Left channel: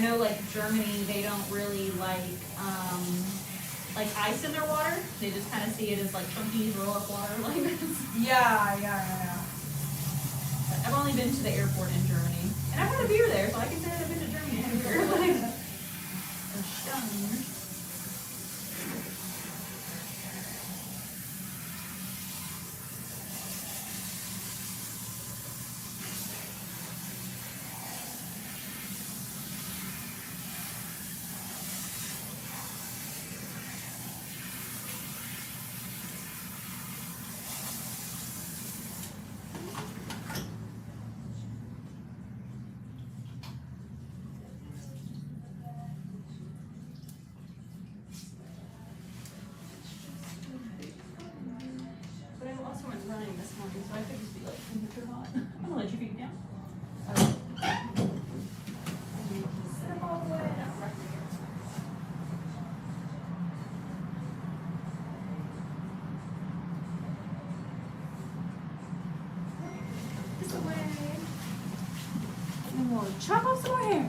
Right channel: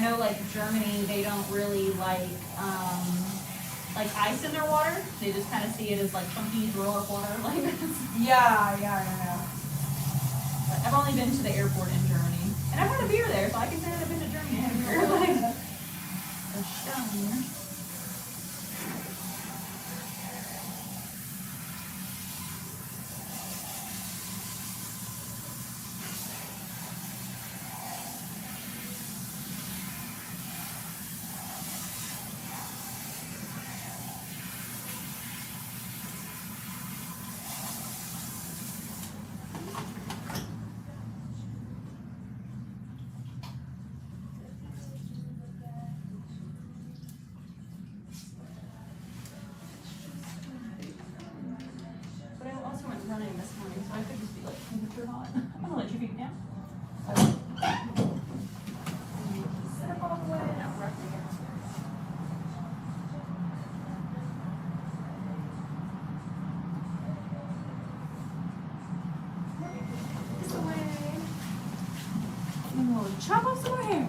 I know like Germany, they don't really like ice in their water. They just kind of see it as like funky roller water. Like Yeah. But I've only been to the airport in Germany, and I've had a beer there, so I can say that I've been to Germany and had a beer. Like, a stone. Running this morning, so I could just be like temperature hot. I'm gonna let you feed down. Set up all the way and I'll rock you downstairs. This away. And we'll chop off some more hair.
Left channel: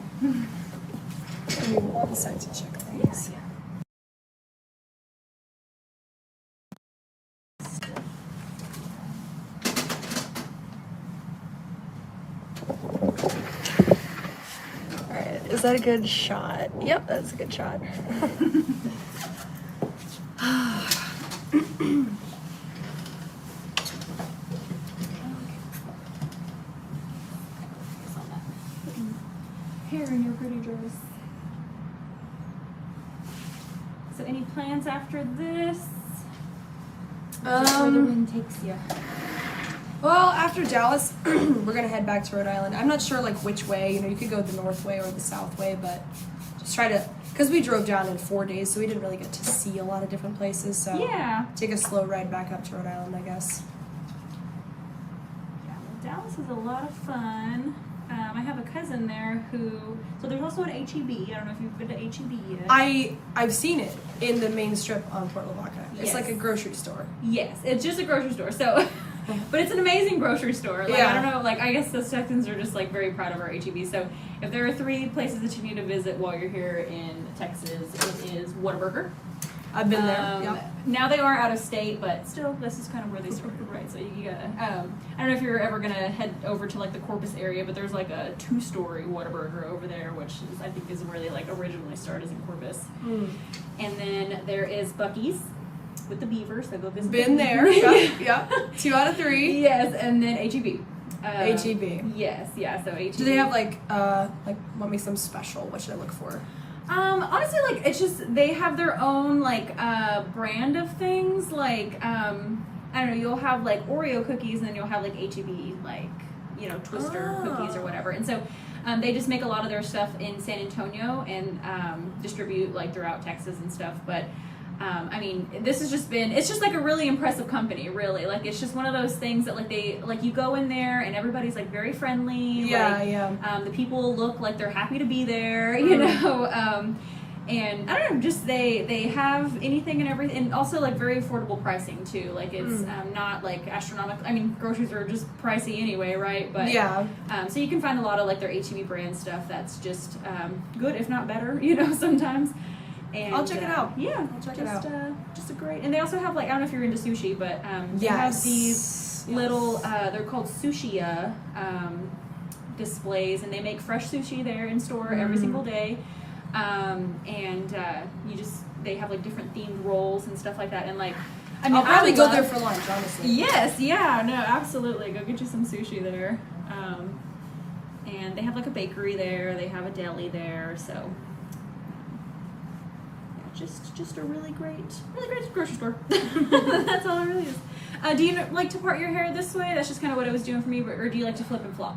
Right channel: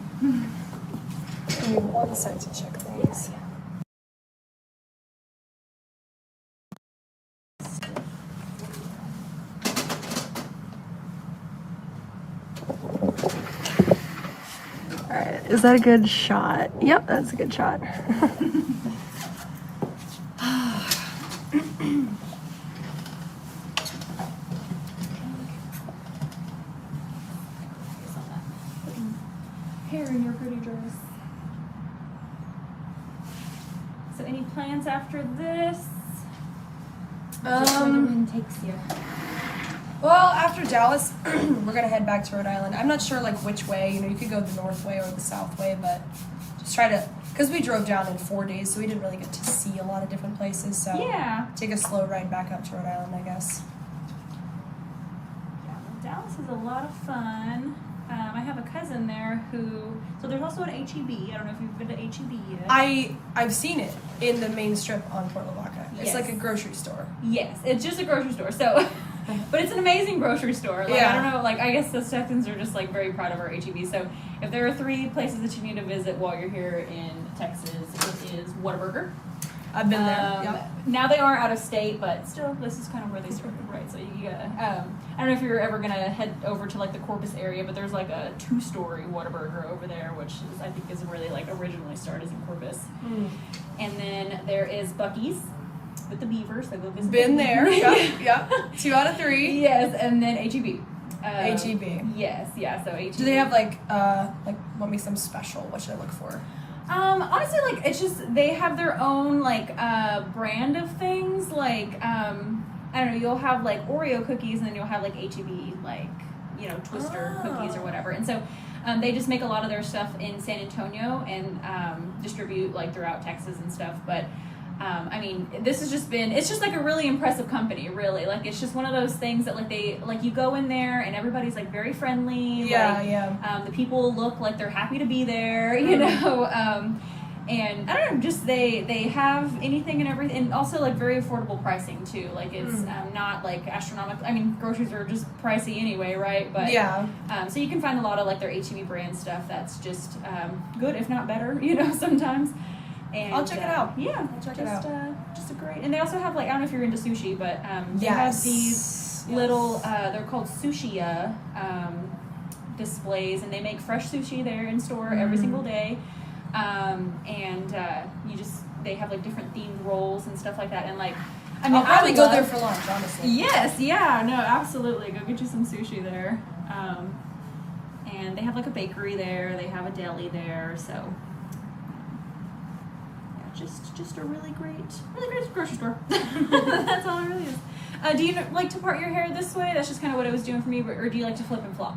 Give me 1 sec to check these. Is that a good shot? Yep, that's a good shot. Hair in your pretty dress. So any plans after this? Just where the wind takes you. Well, after Dallas, we're gonna head back to Rhode Island. I'm not sure like which way. You know, you could go the north way or the south way, but just try to, because we drove down in 4 days, so we didn't really get to see a lot of different places. So yeah, take a slow ride back up to Rhode Island, I guess. Yeah, Dallas is a lot of fun. I have a cousin there who, so there's also an HEB. I don't know if you've been to HEB yet. I've seen it in the main strip on Port Lavaca. It's Yes. like a grocery store. Yes, it's just a grocery store. So, but it's an amazing grocery store. Like, I don't know, like, I guess the Texans are just, like, very proud of our HEB. So, if there are 3 places that you need to visit while you're here in Texas, it is Whataburger. I've been there. Yep. Now they are out of state, but still, this is kind of where they started, right? So you gotta, I don't know if you're ever gonna head over to like the Corpus area, but there's like a 2-story Whataburger over there, which is, I think, is where they like originally started in Corpus. And then there is Buc-ee's with the beavers. So go visit. Been there. Yep. 2 out of 3. Yes, and then HEB. HEB. Yes, yeah. So HEB. Do they have like what makes them special? What should I look for? Honestly, like, it's just, they have their own, like, brand of things, like, I don't know, you'll have, like, Oreo cookies, and then you'll have, like, HEB, like, you know, Twister cookies or whatever, and so, they just make a lot of their stuff in San Antonio, and, distribute, like, throughout Texas and stuff, but, I mean, this has just been, it's just like a really impressive company, really. Like, it's just one of those things that, like, they, like, you go in there and everybody's, like, very friendly. Yeah, like, yeah. The people look like they're happy to be there, you know. And I don't know, just they have anything and everything, and also, like, very affordable pricing, too. Like, it's not, like, astronomical. I mean, groceries are just pricey anyway, right? But yeah. So you can find a lot of, like, their HEB brand stuff that's just good, if not better, you know, sometimes. And, I'll check it out. Yeah, I'll check it out. Just a great, and they also have, like, I don't know if you're into sushi, but they Yes. have these little, they're called sushi displays, and they make fresh sushi there in store every single day. And they have, like, different themed rolls and stuff like that, and, like, I mean, I'll probably go there for lunch, honestly. Yes, yeah, no, absolutely. Go get you some sushi there. And they have, like, a bakery there. They have a deli there. So, yeah, just a really great grocery store. That's all it really is. Do you like to part your hair this way? That's just kind of what it was doing for me. Or do you like to flip and flop?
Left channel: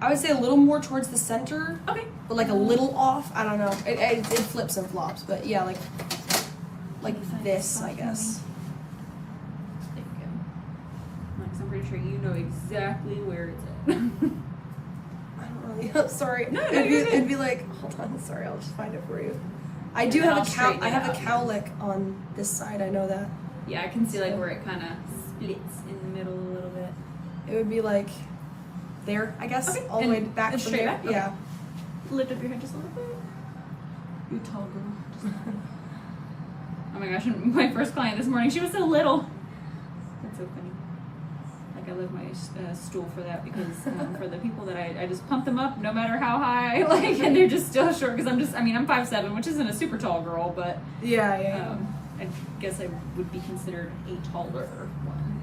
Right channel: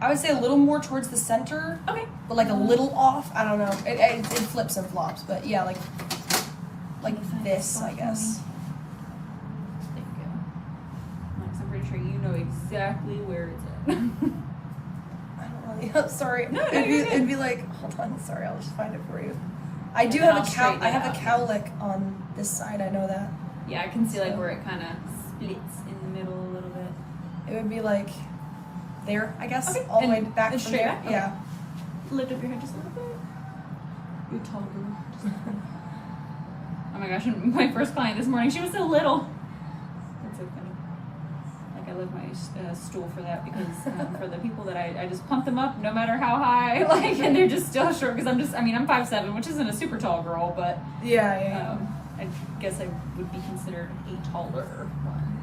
I would say a little more towards the center. Okay. But like a little off. I don't know. It flips and flops, but yeah, like this, I guess. There you go. Like, so I'm pretty sure you know exactly where it's at. I don't really. Sorry. No, it'd be like, hold on. Sorry, I'll just find it for you. I do then have I'll a cowlick on this side. I know that. Yeah, I can see, like, where it kind of splits in the middle a little bit. It would be like there, I guess, Okay. all the way And back it's from straight there. back? Okay. Yeah. Lift up your head just a little bit. You're a tall girl. Oh my gosh, and my first client this morning, she was so little. That's so funny. Like, I love my stool for that because for the people that I just pump them up no matter how high, like, and they're just still short because I'm 5'7", which isn't a super tall girl, but yeah. I guess I would be considered a taller one.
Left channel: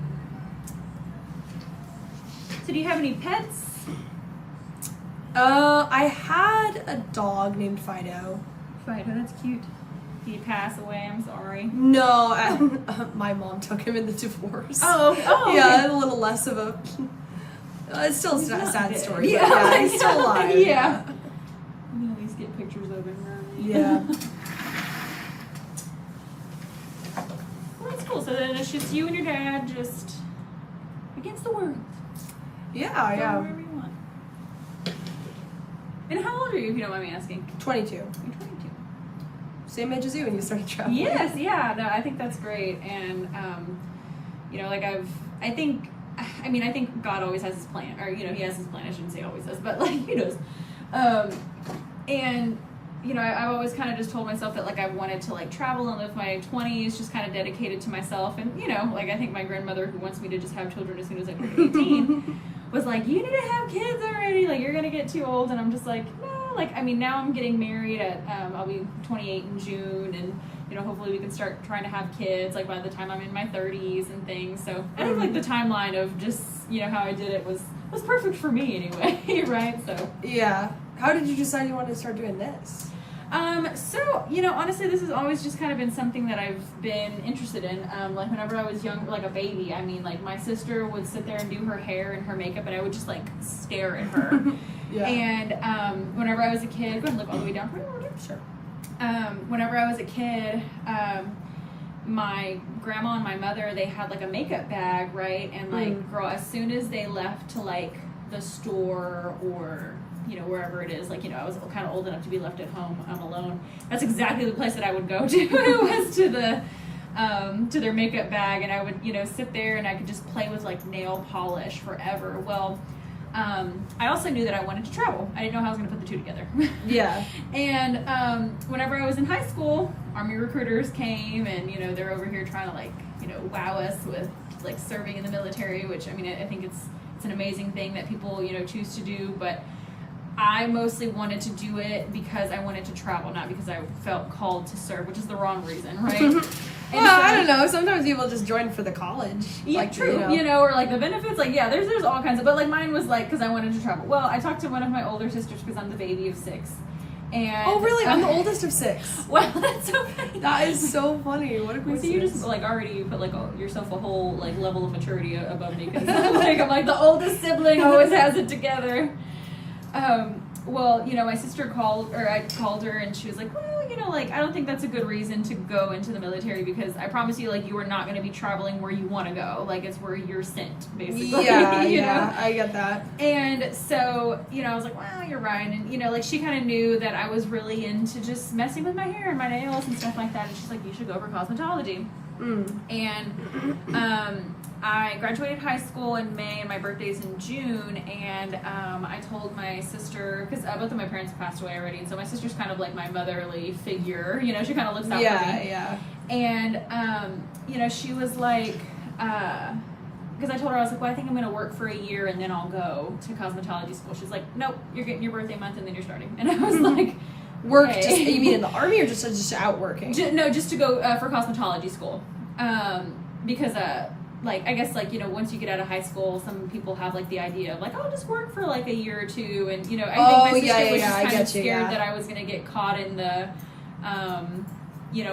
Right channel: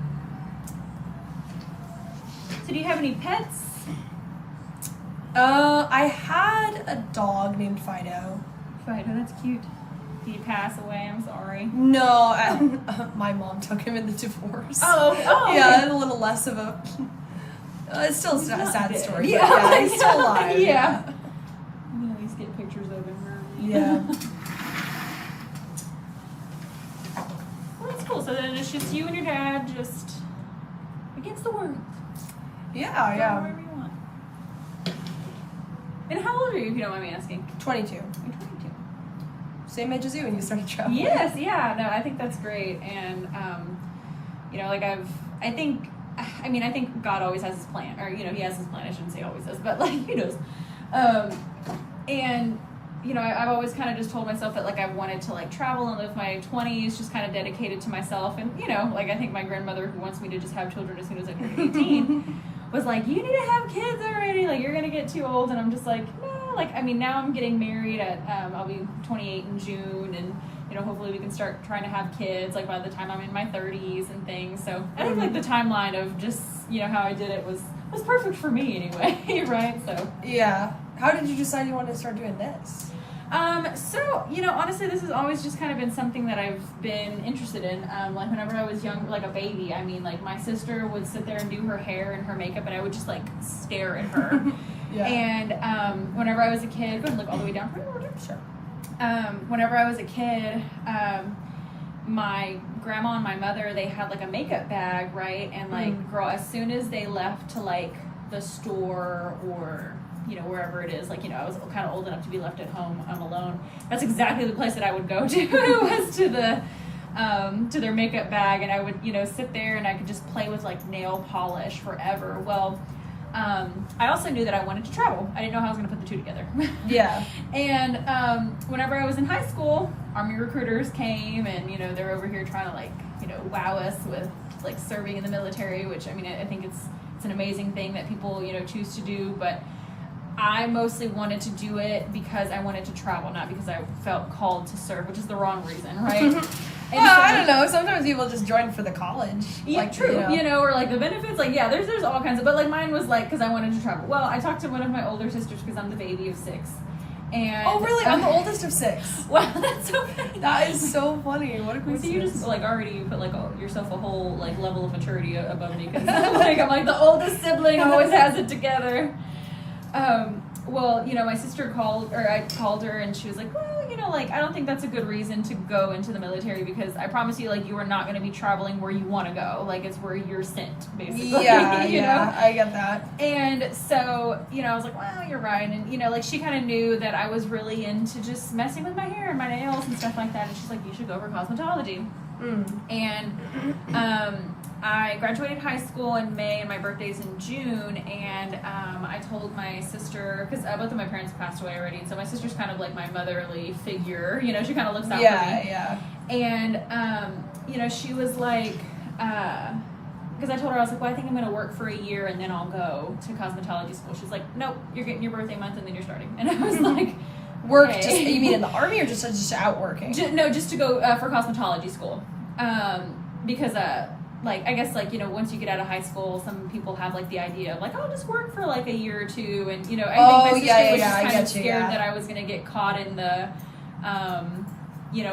So do you have any pets? I had a dog named Fido. Fido, that's cute. Did he pass away? I'm sorry. No, my mom took him in the divorce. Oh, yeah, okay. a little less of a. It's still a sad dead. story. Yeah, Yeah, he's still alive. Yeah. We can always get pictures of him. Yeah. Well, that's cool. So then it's just you and your dad just against the world. Yeah. Go wherever you want. And how old are you, if you don't mind me asking? 22. You're 22. Same age as you when you started traveling. Yes, yeah. No, I think that's great. And, like I think God always has his plan. Or, he has his plan. I shouldn't say always does, but, like, he does. And, I've always kind of just told myself that, like, I wanted to, like, travel and live my 20s just kind of dedicated to myself. And, like, I think my grandmother, who wants me to just have children as soon as I turn 18, was like, you need to have kids already. Like, you're going to get too old. And I'm just like, no. Like, now I'm getting married at, I'll be 28 in June. And, hopefully we can start trying to have kids, like, by the time I'm in my 30s and things. So I think, like, the timeline of just, how I did it was perfect for me anyway, right? So. Yeah. How did you decide you wanted to start doing this? So, honestly, this has always just kind of been something that I've been interested in. Like, whenever I was young, like a baby, like, my sister would sit there and do her hair and her makeup, and I would just, like, stare at her. Yeah. And, whenever I was a kid, go ahead and look all the way down for me. Sure. Whenever I was a kid, my grandma and my mother, they had, like, a makeup bag, right? And, like, girl, as soon as they left to, like, the store or wherever it is, like, I was kind of old enough to be left at home alone. That's exactly the place that I would go to. Was to their makeup bag, and I would, sit there and I could just play with, like, nail polish forever. Well, I also knew that I wanted to travel. I didn't know how I was going to put the two together. Yeah. And whenever I was in high school, Army recruiters came, and they're over here trying to, like, wow us with, like, serving in the military, which I think it's an amazing thing that people choose to do, but I mostly wanted to do it because I wanted to travel, not because I felt called to serve, which is the wrong reason, right? I don't know. Sometimes people just join for the college. Yeah, like, true. Or like the benefits, like, yeah, there's all kinds of, but like mine was like because I wanted to travel. Well, I talked to one of my older sisters because I'm the baby of 6. And oh, really? I'm the oldest of 6. Wow, that's so funny. That is so funny. What a coincidence. So you just like already put like yourself a whole like level of maturity above me because like I'm like the oldest sibling always has it together. Well, my sister I called her and she was like, well, like, I don't think that's a good reason to go into the military because I promise you, like, you are not going to be traveling where you want to go. Like, it's where you're sent, basically. Yeah, you know? I get that. And so, I was like, well, you're right. And, like, she kind of knew that I was really into just messing with my hair and my nails and stuff like that. And she's like, you should go for cosmetology. And, I graduated high school in May and my birthday's in June, and I told my sister, because both of my parents passed away already, and so my sister's kind of like my motherly figure, she kind of looks out for me. Yeah. And, she was like, because I told her, I was like, well, I think I'm going to work for a year and then I'll go to cosmetology school. She's like, nope, you're getting your birthday month and then you're starting. And I was like, work, okay. Just, you mean in the Army or just out working? No, just to go for cosmetology school. Because, like, I guess, like, once you get out of high school, some people have, like, the idea of, like, I'll just work for, like, a year or two. And, I think my sister was just kind of scared that I was going to get caught in the,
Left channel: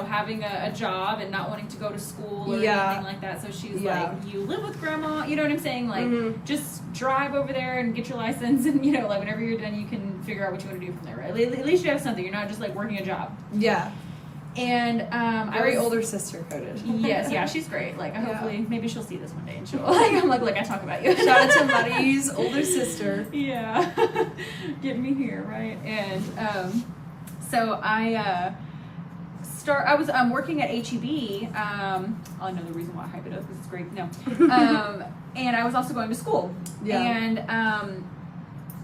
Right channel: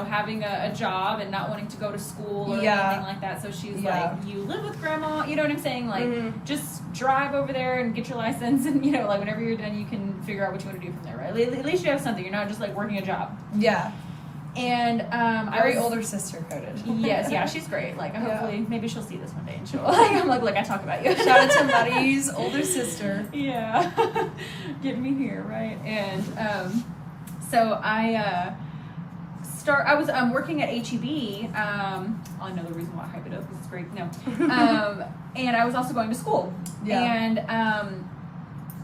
having a job and not wanting to go to school or anything like that. So she's like, you live with grandma, you know what I'm saying? Like, just drive over there and get your license. And, like, whenever you're done, you can figure out what you want to do from there, right? At least you have something. You're not just, like, working a job. Yeah. And very older sister coded. Yes, yeah, she's great. Like, hopefully, maybe she'll see this one day and she'll I'm like, look, I talk about you. Shout out to Buddy's older sister. Yeah, get me here, right? And so I was working at HEB. I know the reason why I hype it up because it's great. No, and I was also going to school. Yeah. And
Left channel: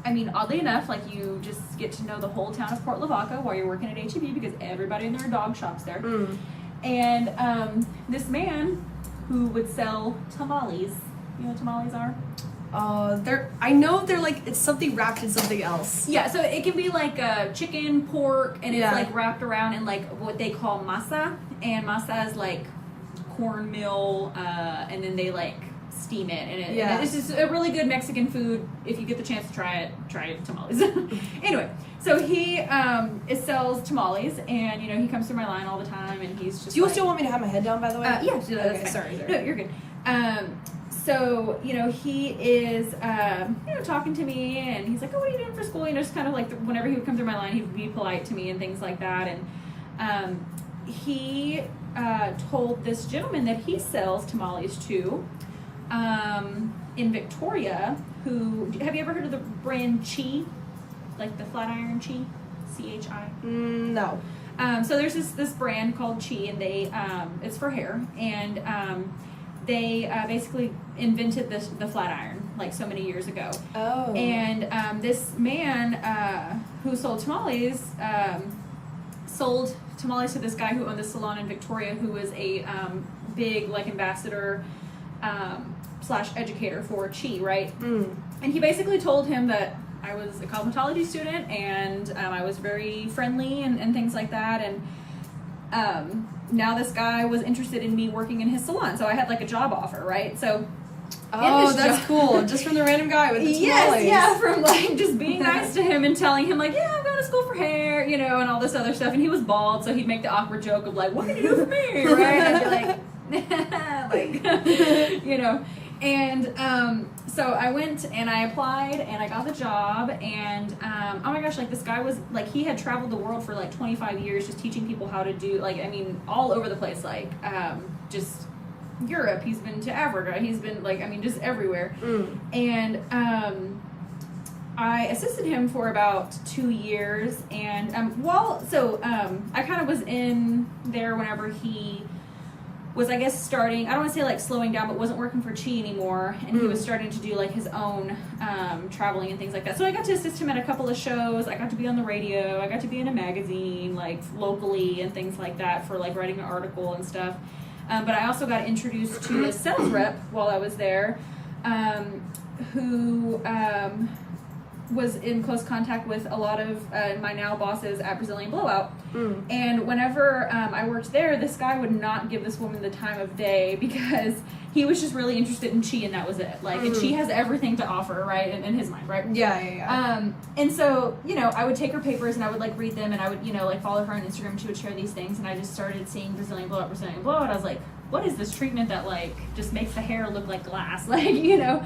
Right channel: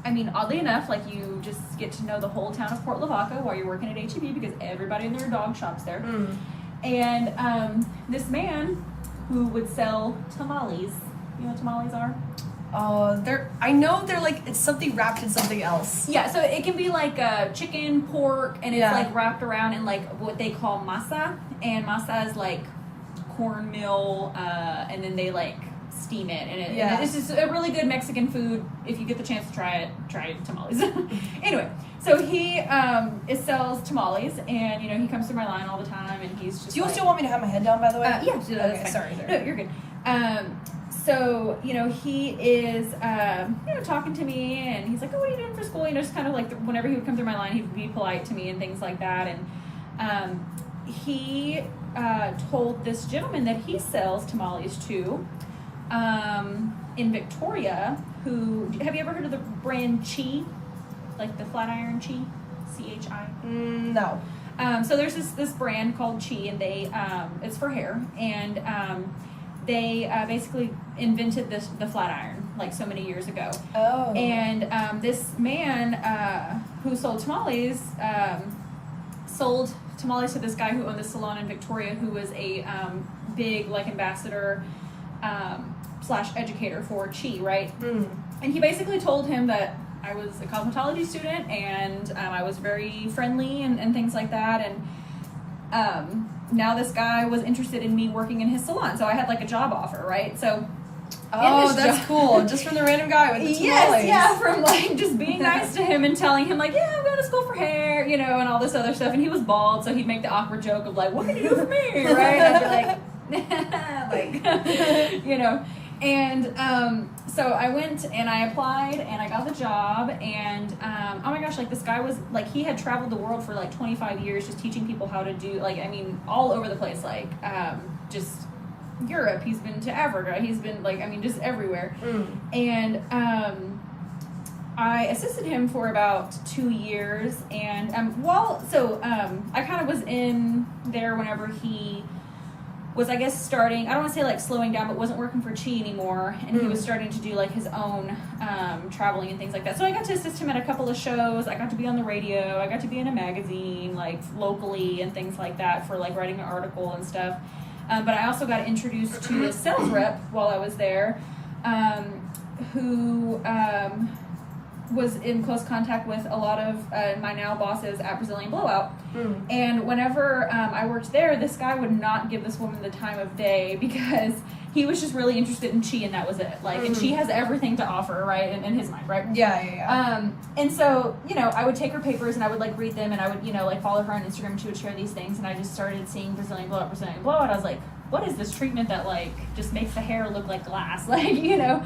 I mean, oddly enough, like you just get to know the whole town of Port Lavaca while you're working at HEB because everybody and their dog shops there. And this man who would sell tamales. You know what tamales are? I know they're like, it's something wrapped in something else. Yeah, so it can be like chicken, pork, and it's like wrapped around in like what they call masa. And masa is like cornmeal, and then they like steam it. And it's just a really good Mexican food. If you get the chance to try tamales. Anyway, so he sells tamales, and you know, he comes through my line all the time, and he's just. Do you still want me to have my head down, by the way? Yeah. Okay, sorry. No, you're good. So, you know, he is, you know, talking to me, and he's like, oh, what are you doing for school? You know, just kind of like, whenever he would come through my line, he would be polite to me and things like that. And he told this gentleman that he sells tamales to in Victoria, have you ever heard of the brand Chi? Like the Flatiron Chi? C-H-I? No. So there's this brand called Chi, and they, it's for hair, and they basically invented the flat iron like so many years ago. Oh. And this man who sold tamales sold tamales to this guy who owned this salon in Victoria, who was a big like ambassador / educator for Chi, right? And he basically told him that I was a cosmetology student, and I was very friendly and things like that, and now this guy was interested in me working in his salon, so I had like a job offer, right? So that's cool. Just from the random guy with the tamales. Yes, from like just being nice to him and telling him like, yeah, I'm going to school for hair, you know, and all this other stuff. And he was bald, so he'd make the awkward joke of like, what can you do for me, right? And I'd be like, you know. And so I went and I applied and I got the job, and oh my gosh, like this guy was like, he had traveled the world for like 25 years just teaching people how to do, like, I mean, all over the place, like just Europe, he's been to Africa, he's been like, I mean, just everywhere. And I assisted him for about 2 years, and I kind of was in there whenever he was, I guess, starting, I don't want to say like slowing down, but wasn't working for Chi anymore, and he was starting to do like his own traveling and things like that. So I got to assist him at a couple of shows. I got to be on the radio. I got to be in a magazine, like locally and things like that, for like writing an article and stuff. But I also got introduced to a sales rep while I was there, who was in close contact with a lot of my now bosses at Brazilian Blowout. And whenever I worked there, this guy would not give this woman the time of day because he was just really interested in Chi, and that was it. Like, and Chi has everything to offer, right, in his mind, right? Yeah. And so, you know, I would take her papers and I would like read them, and I would, you know, like follow her on Instagram, and she would share these things, and I just started seeing Brazilian Blowout. I was like, what is this treatment that like just makes the hair look like glass, like, you know?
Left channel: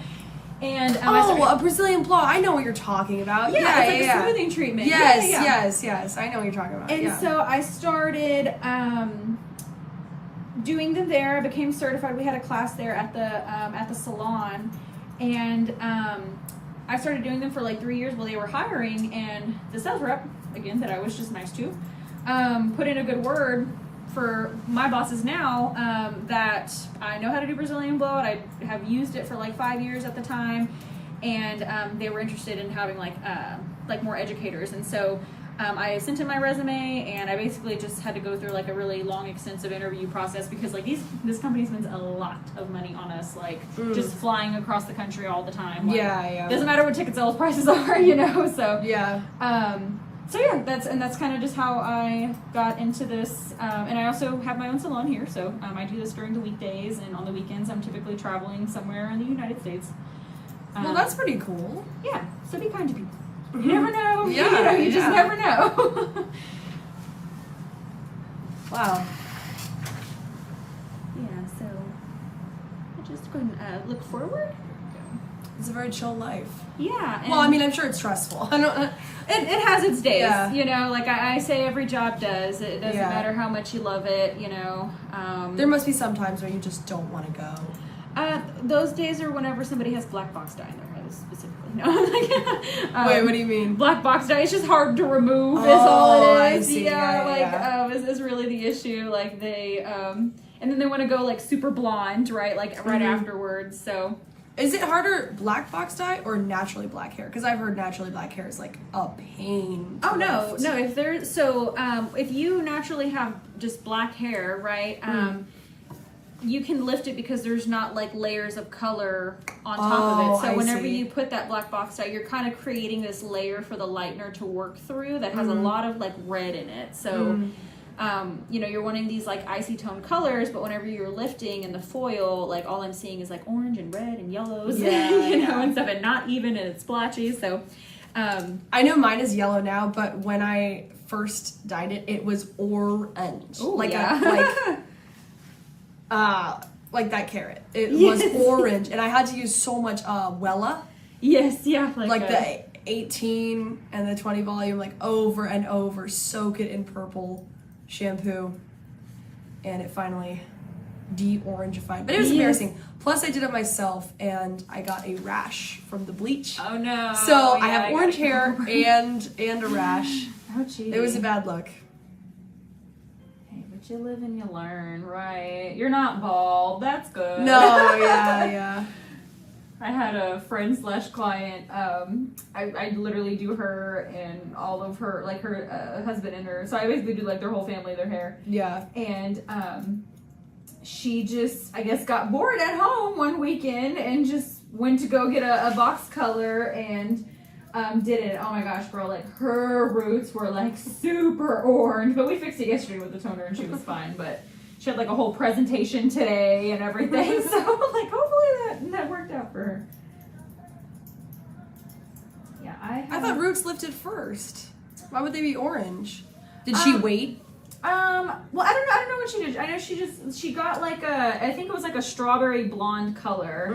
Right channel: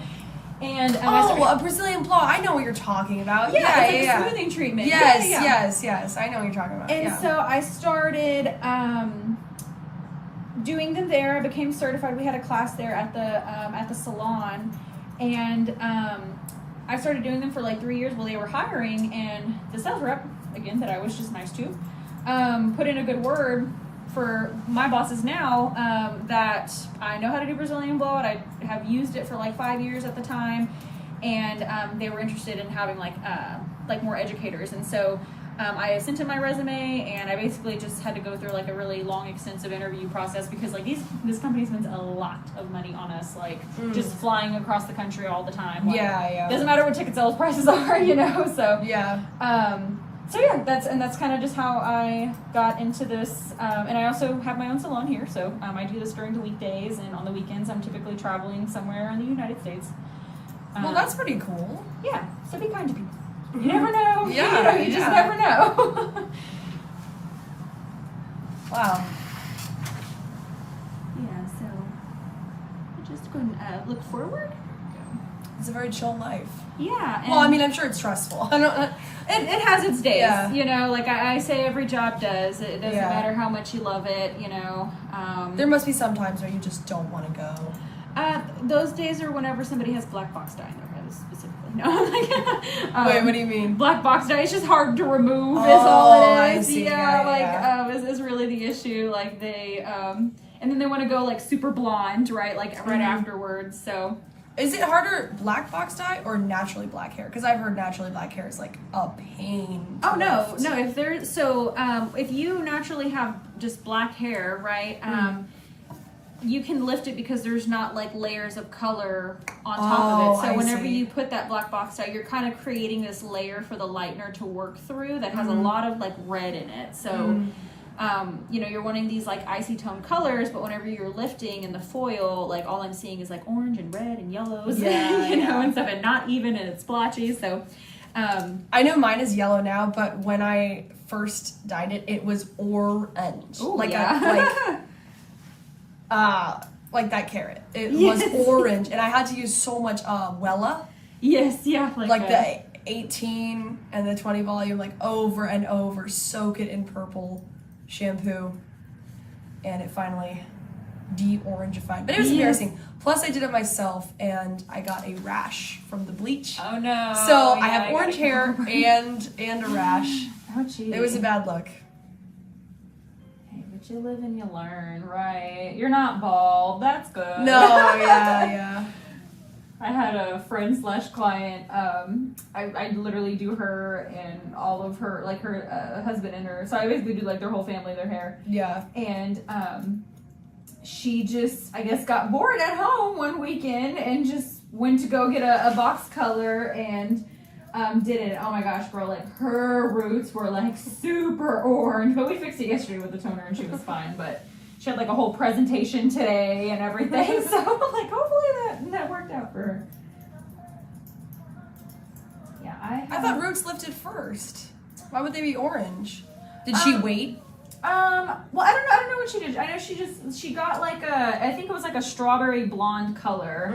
And a Brazilian blowout. I know what you're talking about. It's like a smoothing treatment. Yes. I know what you're talking about. And so I started doing them there. I became certified. We had a class there at the salon, and I started doing them for like 3 years while they were hiring. And the sales rep, again, that I was just nice to, put in a good word for my bosses now, that I know how to do Brazilian blowout. I have used it for like 5 years at the time, and they were interested in having like more educators. And so I sent in my resume, and I basically just had to go through like a really long, extensive interview process because like this company spends a lot of money on us, like just flying across the country all the time. Like, doesn't matter what ticket sales prices are, you know. So So yeah, that's kind of just how I got into this, and I also have my own salon here, so I do this during the weekdays, and on the weekends I'm typically traveling somewhere in the United States. Well, that's pretty cool. Yeah, so be kind to people. You never know. You just never know. Wow. Yeah, so I'll just go and look forward. It's a very chill life. Yeah. Well, I mean, I'm sure it's stressful. It has its days, you know, like I say every job does. It doesn't matter how much you love it, you know. There must be some times where you just don't want to go. Those days are whenever somebody has black box dye in their head, specifically. No, wait, what do you mean? Black box dye, it's just hard to remove, is all it is. I see. Is really the issue. Like they, and then they want to go like super blonde, right? Like right afterwards, so. Is it harder black box dye or naturally black hair? Because I've heard naturally black hair is like a pain. Oh no. If there's if you naturally have just black hair, right? You can lift it because there's not like layers of color on top of it. So whenever you put that black box dye, you're kind of creating this layer for the lightener to work through that has a lot of like red in it. So, you're wanting these like icy tone colors, but whenever you're lifting in the foil, like all I'm seeing is like orange and red and yellows, and stuff, and not even, and it's splotchy. So, I know mine is yellow now, but when I first dyed it, it was orange. Ooh, like that carrot. It was orange, and I had to use so much Wella. Yes, yeah. Like the 18 and the 20 volume, like over and over, soak it in purple shampoo, and it finally de-orangified. But it was embarrassing. Plus, I did it myself, and I got a rash from the bleach. Oh no! So I have orange hair and a rash. Oh gee. It was a bad look. But you live and you learn, right? You're not bald. That's good. No, yeah. I had a friend / client. I literally do her and all of her, like her husband and her. So I basically do like their whole family, their hair. Yeah. And she just, I guess, got bored at home one weekend and just went to go get a box color and did it. Oh my gosh, girl, like her roots were like super orange, but we fixed it yesterday with the toner and she was fine. But she had like a whole presentation today and everything, so like hopefully that worked out for her. Yeah, I thought roots lifted first. Why would they be orange? Did she wait? Well, I don't know what she did. I know she got like I think it was like a strawberry blonde color,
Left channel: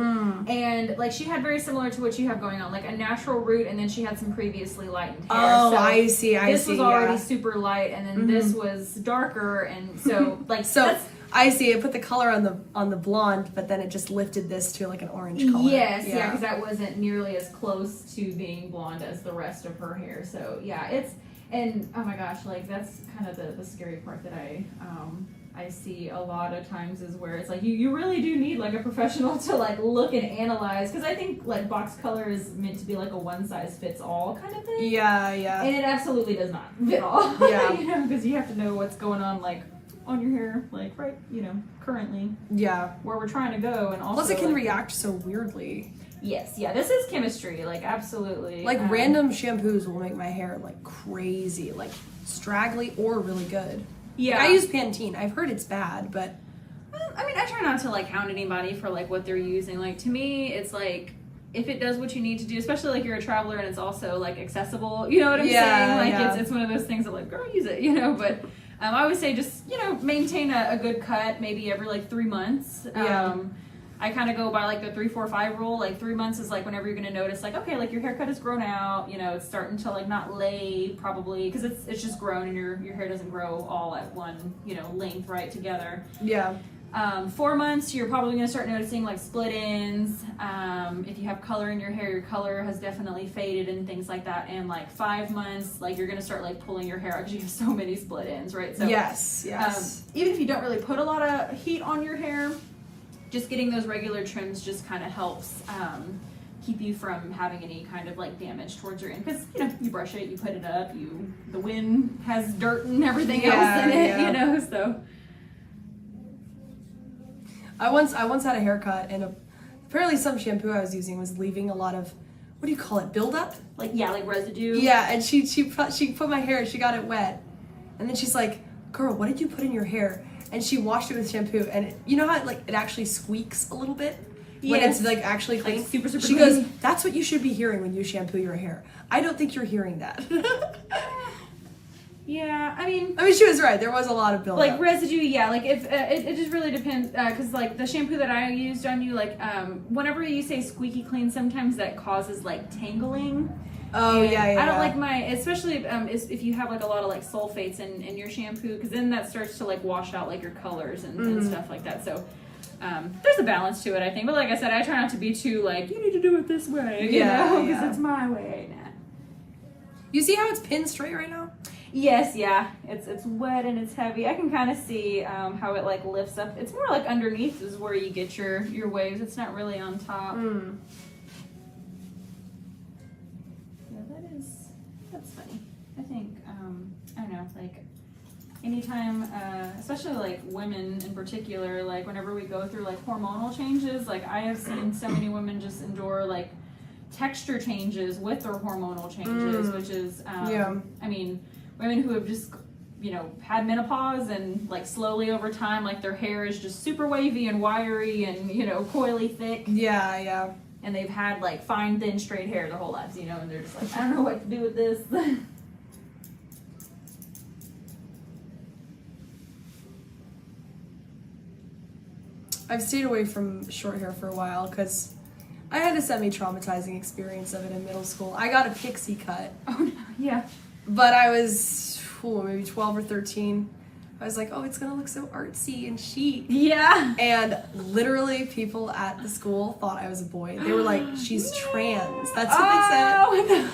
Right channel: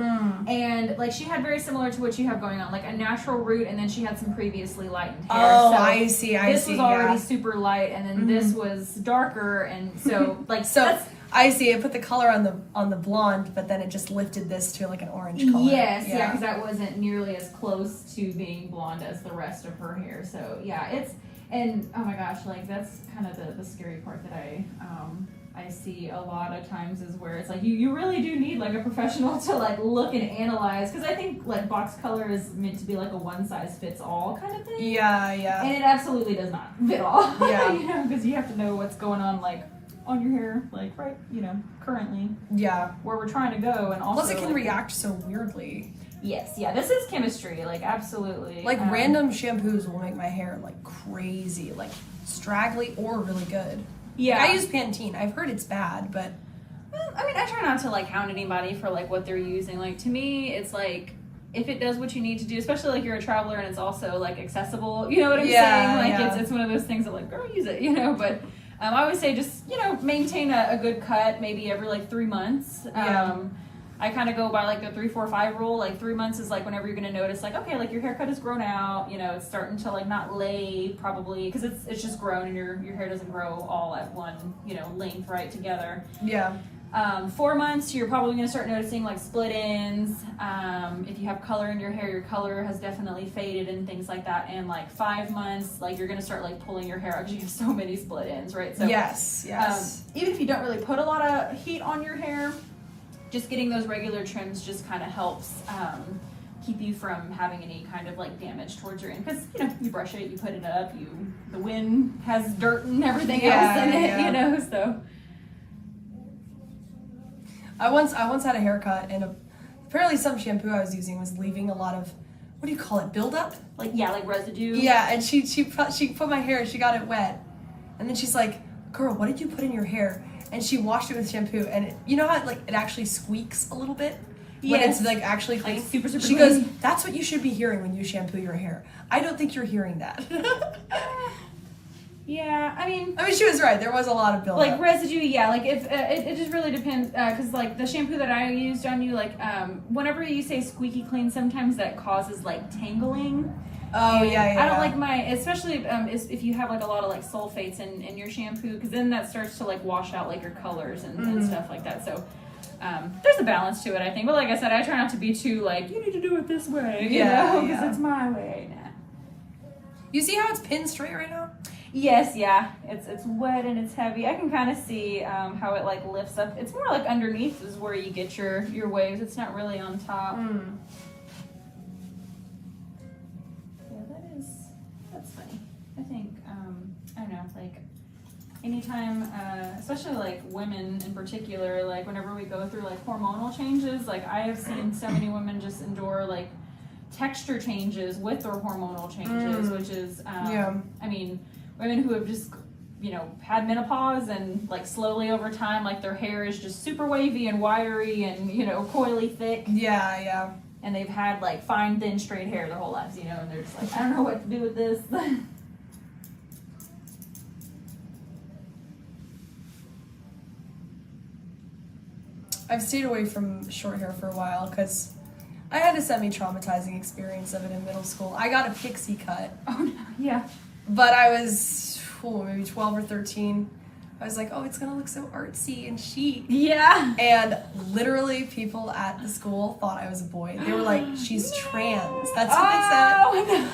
and like she had very similar to what you have going on, like a natural root, and then she had some previously lightened hair. Oh, so I see. This was already super light, and then this was darker, and so like I see. It put the color on the blonde, but then it just lifted this to like an orange color. Yes, yeah, because that wasn't nearly as close to being blonde as the rest of her hair. So yeah, and oh my gosh, like that's kind of the scary part that I see a lot of times is where it's like you really do need like a professional to like look and analyze, because I think like box color is meant to be like a one size fits all kind of thing. Yeah. And it absolutely does not fit all. Yeah. Because you have to know what's going on like on your hair, like right, currently. Yeah. Where we're trying to go, and also plus it can react so weirdly. Yes, yeah, this is chemistry, like absolutely. Like random shampoos will make my hair like crazy, like straggly or really good. Yeah. Like, I use Pantene. I've heard it's bad, but I mean, I try not to like hound anybody for like what they're using. Like to me, it's like if it does what you need to do, especially like you're a traveler and it's also like accessible. You know what I'm saying? Like it's one of those things that like girl, use it. But I would say just maintain a good cut maybe every like 3 months. I kind of go by like the 3, 4, 5 rule. Like 3 months is like whenever you're going to notice like, okay, like your haircut has grown out, it's starting to like not lay probably because it's just grown and your hair doesn't grow all at one, length right together. Yeah. 4 months, you're probably going to start noticing like split ends. If you have color in your hair, your color has definitely faded and things like that. And like 5 months, like you're going to start like pulling your hair out because you have so many split ends, right? So yes. Even if you don't really put a lot of heat on your hair, just getting those regular trims just kind of helps keep you from having any kind of like damage towards your end, because you brush it, you put it up, the wind has dirt and everything else in it, so. I once had a haircut, and apparently some shampoo I was using was leaving a lot of, what do you call it, buildup? Like residue. Yeah, and she put my hair, she got it wet, and then she's like, "Girl, what did you put in your hair?" And she washed it with shampoo, and you know how it actually squeaks a little bit when it's like actually clean. Like super she clean. goes, "That's what you should be hearing when you shampoo your hair." I don't think you're hearing that. Yeah, I mean, she was right. There was a lot of buildup. Like residue, yeah. Like if it just really depends, because like the shampoo that I used on you, like whenever you say squeaky clean, sometimes that causes like tangling. Oh, and yeah. I don't like especially if you have like a lot of like sulfates in your shampoo, because then that starts to like wash out like your colors and stuff like that. So there's a balance to it, I think. But like I said, I try not to be too like, you need to do it this way, because it's my way. Nah. You see how it's pinned straight right now? Yes, yeah. It's wet and it's heavy. I can kind of see how it like lifts up. It's more like underneath is where you get your waves. It's not really on top. Yeah, that's funny. I think I don't know, like anytime, especially like women in particular, like whenever we go through like hormonal changes, like I have seen so many women just endure like texture changes with their hormonal changes, which is I mean, women who have just, you know, had menopause and like slowly over time, like their hair is just super wavy and wiry and, you know, coily thick. Yeah. And they've had like fine, thin, straight hair their whole lives, you know, and they're just like, I don't know what to do with this. I've stayed away from short hair for a while because I had a semi-traumatizing experience of it in middle school. I got a pixie cut. Oh, no. Yeah. But I was maybe 12 or 13. I was like, oh, it's going to look so artsy and chic. Yeah. And literally people at the school thought I was a boy. They were like, she's trans. That's what they said.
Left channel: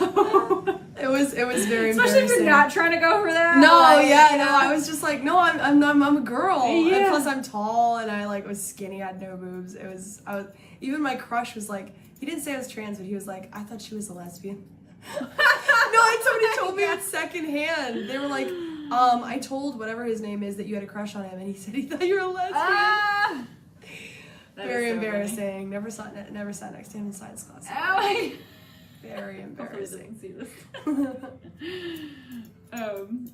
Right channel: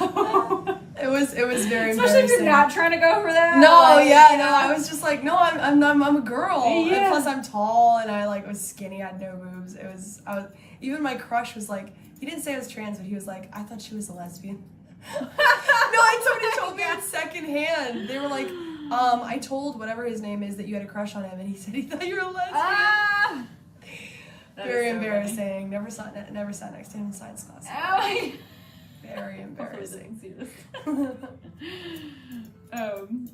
Oh, no. It was very Especially embarrassing. if you're not trying to go for that. No, like, yeah, you know. no. I was just like, no, I'm a girl. Yeah. And plus I'm tall and I like was skinny. I had no boobs. Even my crush was like, he didn't say I was trans, but he was like, I thought she was a lesbian. No, somebody told me it secondhand. They were like, I told whatever his name is that you had a crush on him, and he said he thought you were a lesbian. Ah! Very so embarrassing. Funny. Never sat next to him in science class. Oh, very embarrassing. See this.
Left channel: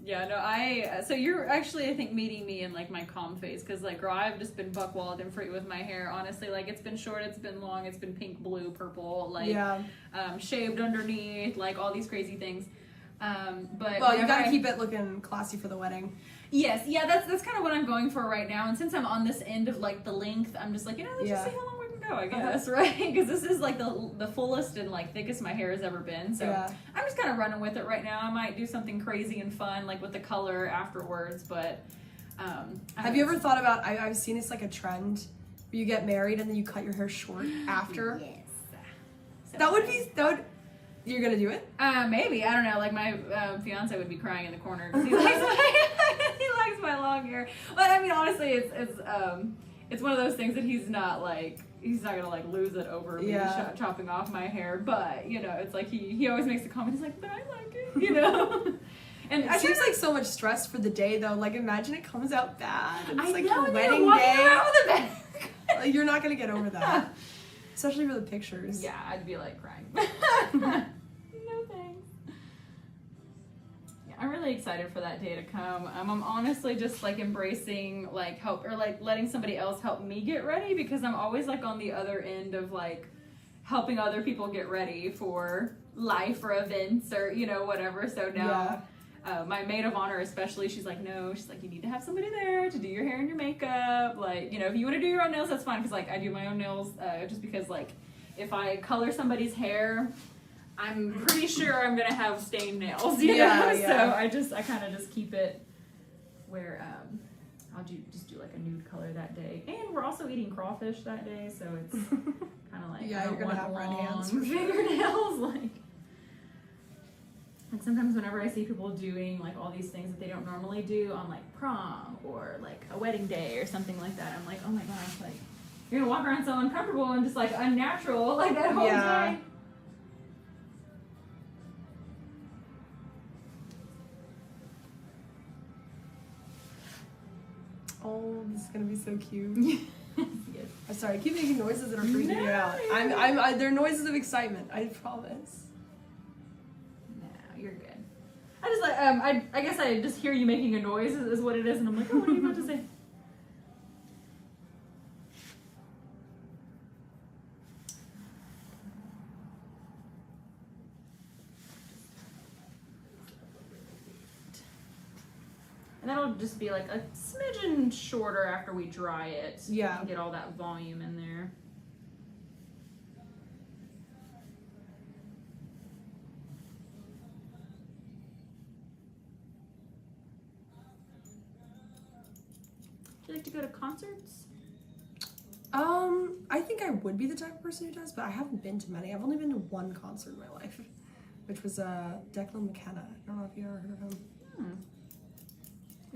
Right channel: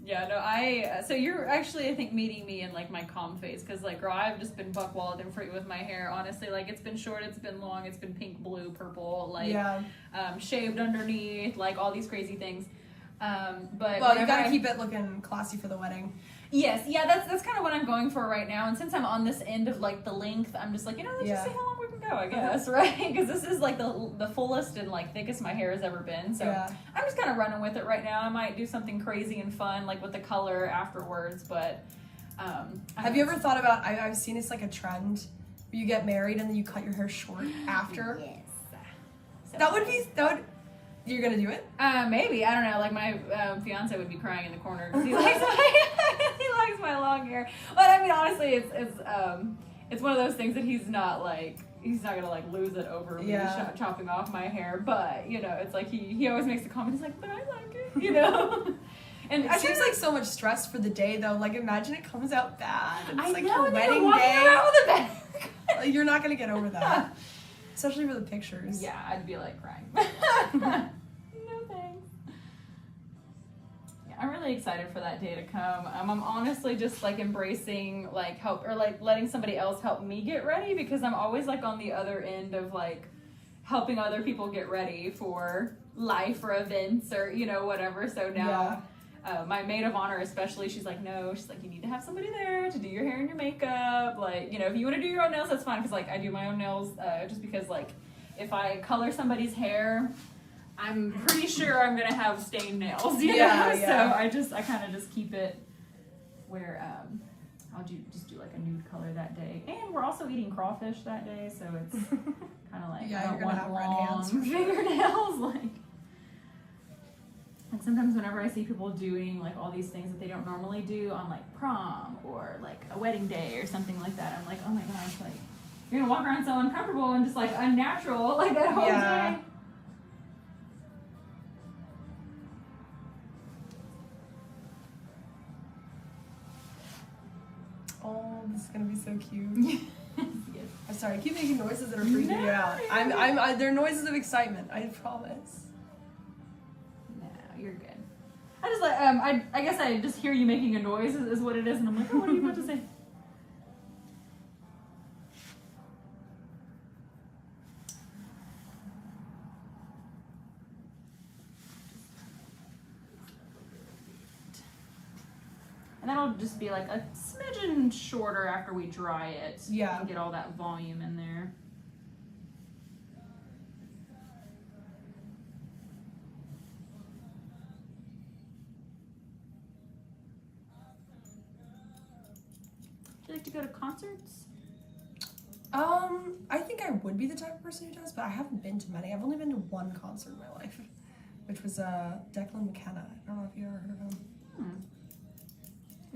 Yeah, no, so you're actually, I think, meeting me in like my calm phase, because like, girl, I've just been buck wild and free with my hair. Honestly, like it's been short, it's been long, it's been pink, blue, purple, like shaved underneath, like all these crazy things. But well, you gotta keep it looking classy for the wedding. Yes, yeah, that's kind of what I'm going for right now. And since I'm on this end of like the length, I'm just like, you know, let's just see how long we can go, I guess, right? Because this is like the fullest and like thickest my hair has ever been. So I'm just kind of running with it right now. I might do something crazy and fun like with the color afterwards, but have you ever thought about? I've seen it's like a trend where you get married and then you cut your hair short after. Yes, that would. You're gonna do it? Maybe, I don't know. Like my fiance would be crying in the corner because he likes my long hair. But I mean, honestly, it's one of those things that he's not gonna like lose it over me chopping off my hair. But you know, it's like he always makes the comment. He's like, but I like it, you know. And it seems like so much stress for the day though. Like imagine it comes out bad. It's like know, your wedding day. With You're not gonna get over that. Especially for the pictures. Yeah, I'd be like crying. I'm really excited for that day to come. I'm honestly just like embracing like help or like letting somebody else help me get ready, because I'm always like on the other end of like helping other people get ready for life or events or, you know, whatever. So now my maid of honor especially, she's like, no, she's like, you need to have somebody there to do your hair and your makeup. Like, you know, if you want to do your own nails, that's fine, because like I do my own nails just because like if I color somebody's hair, I'm pretty sure I'm gonna have stained nails, you know? So I kind of just keep it where I'll just do like a nude color that day. And we're also eating crawfish that day, so it's kind of like I don't want have red long hands fingernails. Like sometimes whenever I see people doing like all these things that they don't normally do on like prom or like a wedding day or something like that, I'm like, oh my gosh, like you're gonna walk around so uncomfortable and just like unnatural like that whole day. Oh, this is gonna be so cute. Yes. I'm sorry, I keep making noises that are freaking me out. They're noises of excitement, I promise. No, you're good. I just like I guess I just hear you making a noise is what it is, and I'm like, oh, what are you about to say? And that'll just be like a smidgen shorter after we dry it. Yeah. And get all that volume in there. Do you like to go to concerts? I think I would be the type of person who does, but I haven't been to many. I've only been to one concert in my life, which was Declan McKenna. I don't know if you ever heard of him.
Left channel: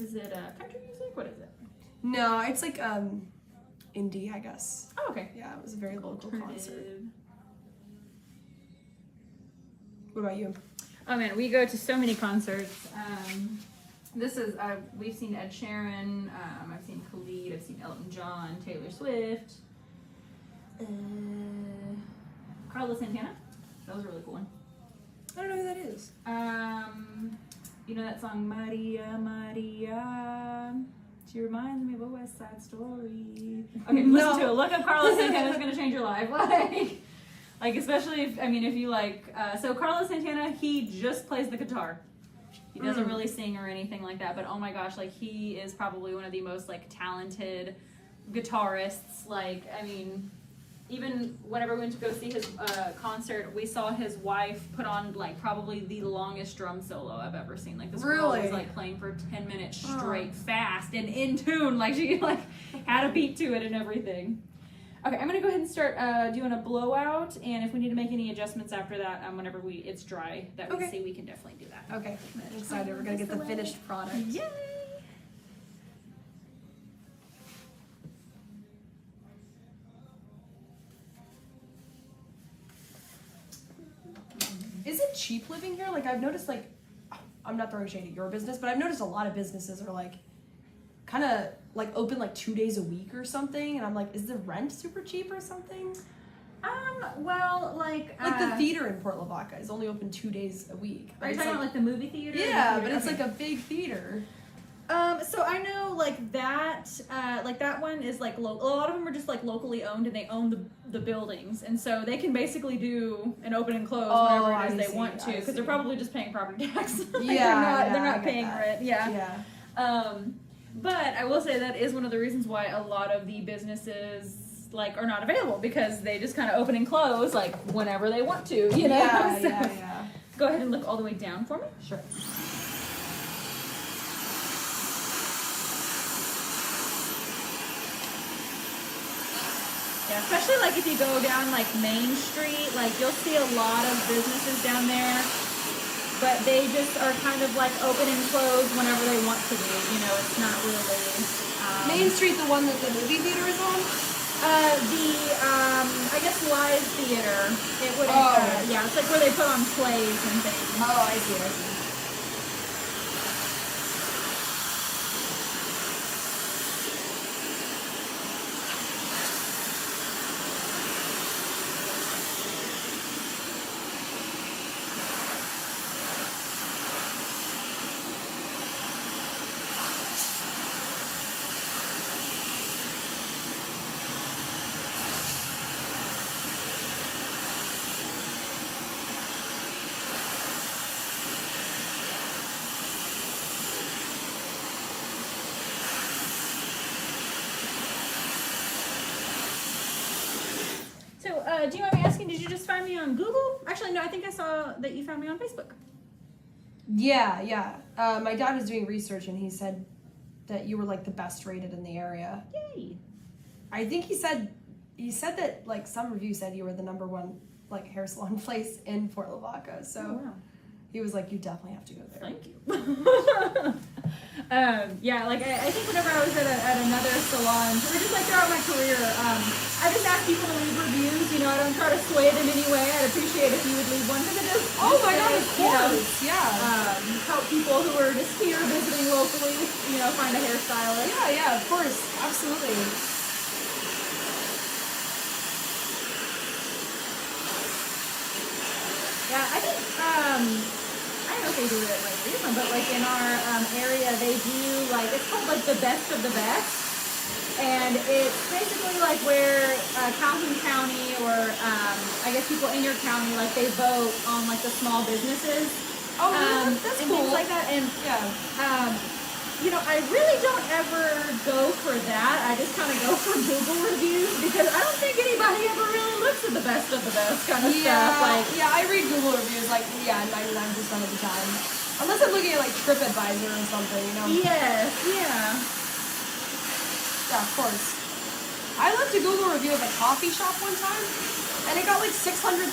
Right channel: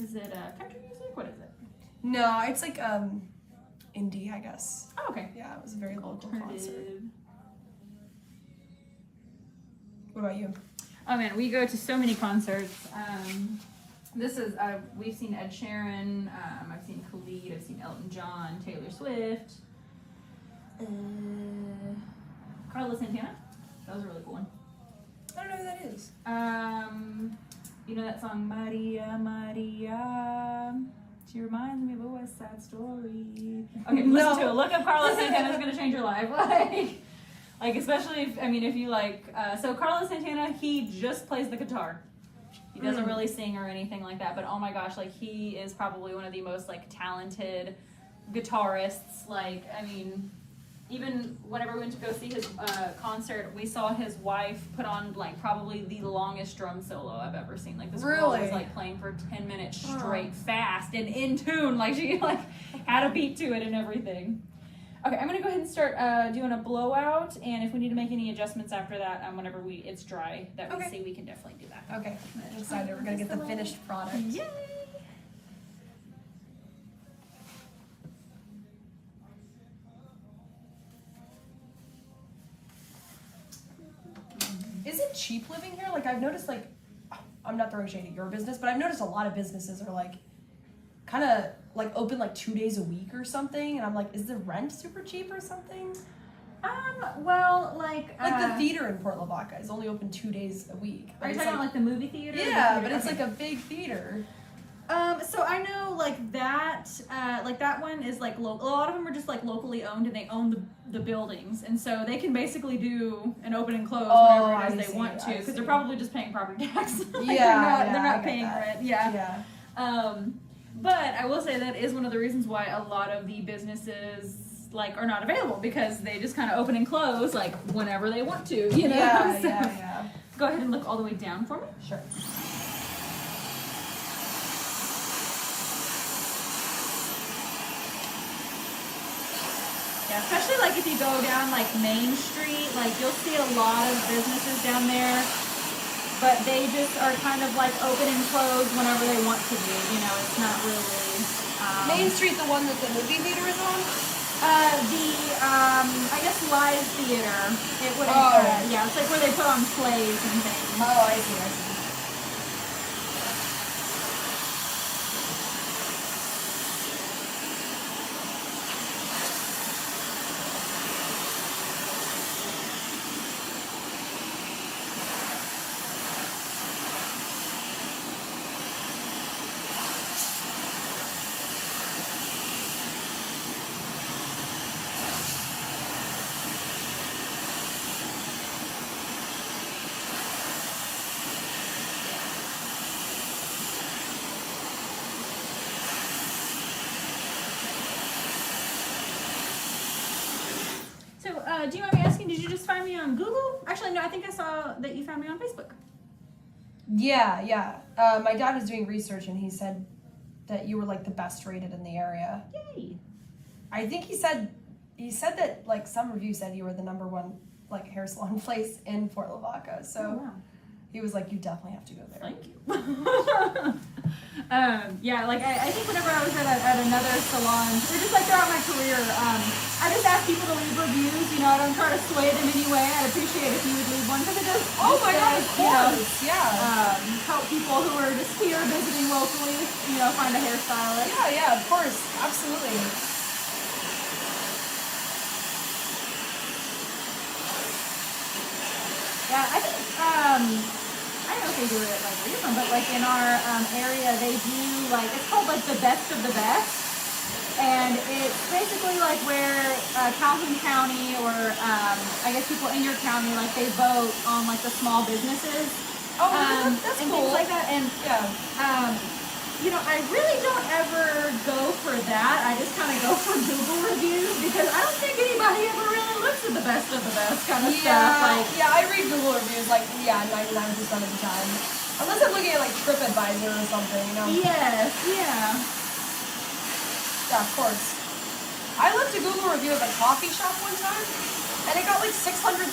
Is it country music? What is it? No, it's like indie, I guess. Oh, okay. Yeah, it was a very local concert. Alternative. What about you? Oh man, we go to so many concerts. This is we've seen Ed Sheeran. I've seen Khalid. I've seen Elton John, Taylor Swift, Carlos Santana. That was a really cool one. I don't know who that is. You know that song Maria Maria? She reminds me of a West Side Story. Okay, listen to it. Look up Carlos Santana. It's gonna change your life. Like especially if you like. So Carlos Santana, he just plays the guitar. He doesn't really sing or anything like that. But oh my gosh, like he is probably one of the most like talented guitarists. Like I mean. Even whenever we went to go see his concert, we saw his wife put on like probably the longest drum solo I've ever seen. Like this girl was like playing for 10 minutes straight, fast and in tune. Like she like had a beat to it and everything. Okay, I'm gonna go ahead and start doing a blowout, and if we need to make any adjustments after that, whenever it's dry that we see, we can definitely do that. Okay, I'm excited. We're gonna get the finished product. Yay! Is it cheap living here? Like I've noticed, like I'm not throwing shade at your business, but I've noticed a lot of businesses are like kind of like open like 2 days a week or something, and I'm like, is the rent super cheap or something? Well, like the theater in Port Lavaca is only open 2 days a week. Are you talking about like the movie theater? Yeah, but it's like a big theater. So I know like that one is like a lot of them are just like locally owned, and they own the buildings, and so they can basically do an open and close whenever it is they want to, because they're probably just paying property tax. Like they're not paying rent. Yeah. But I will say that is one of the reasons why a lot of the businesses like are not available, because they just kind of open and close like whenever they want to. You know. Yeah. Go ahead and look all the way down for me. Sure. Yeah, especially like if you go down like Main Street, like you'll see a lot of businesses down there, but they just are kind of like open and close whenever they want to be. You know, it's not really. Main Street, the one that the movie theater is on? I guess live theater. It would. Yeah, it's like where they put on plays and things. Oh, I see. Do you mind me asking, did you just find me on Google? Actually, no, I think I saw that you found me on Facebook. Yeah. My dad was doing research, and he said that you were like the best rated in the area. Yay. I think he said that like some review said you were the #1 like hair salon place in Port Lavaca. So he was like, you definitely have to go there. Thank you. Yeah, like I think whenever I was at another salon, or just like throughout my career, I just ask people to leave reviews. You know, I don't try to sway it in any way. I'd appreciate if you would leave one, because it does. Oh my God, of course, help people who are just here visiting locally. You know, find a hairstylist. Yeah, of course, absolutely. Yeah, I think I don't know if they do it like where you're from, but like in our area, they do like, it's called like the best of the best, and it's basically like where Calhoun County or I guess people in your county, like they vote on like the small businesses. Oh, that's and cool. things like that, and you know, I really don't ever go for that. I just kind of go for Google reviews, because I don't think anybody ever really looks at the best of the best kind of stuff. Like, I read Google reviews like 99% of the time, unless I'm looking at like TripAdvisor or something, you know. Yes, yeah. Yeah, of course. I left a Google review of a coffee shop one time, and it got like 600,000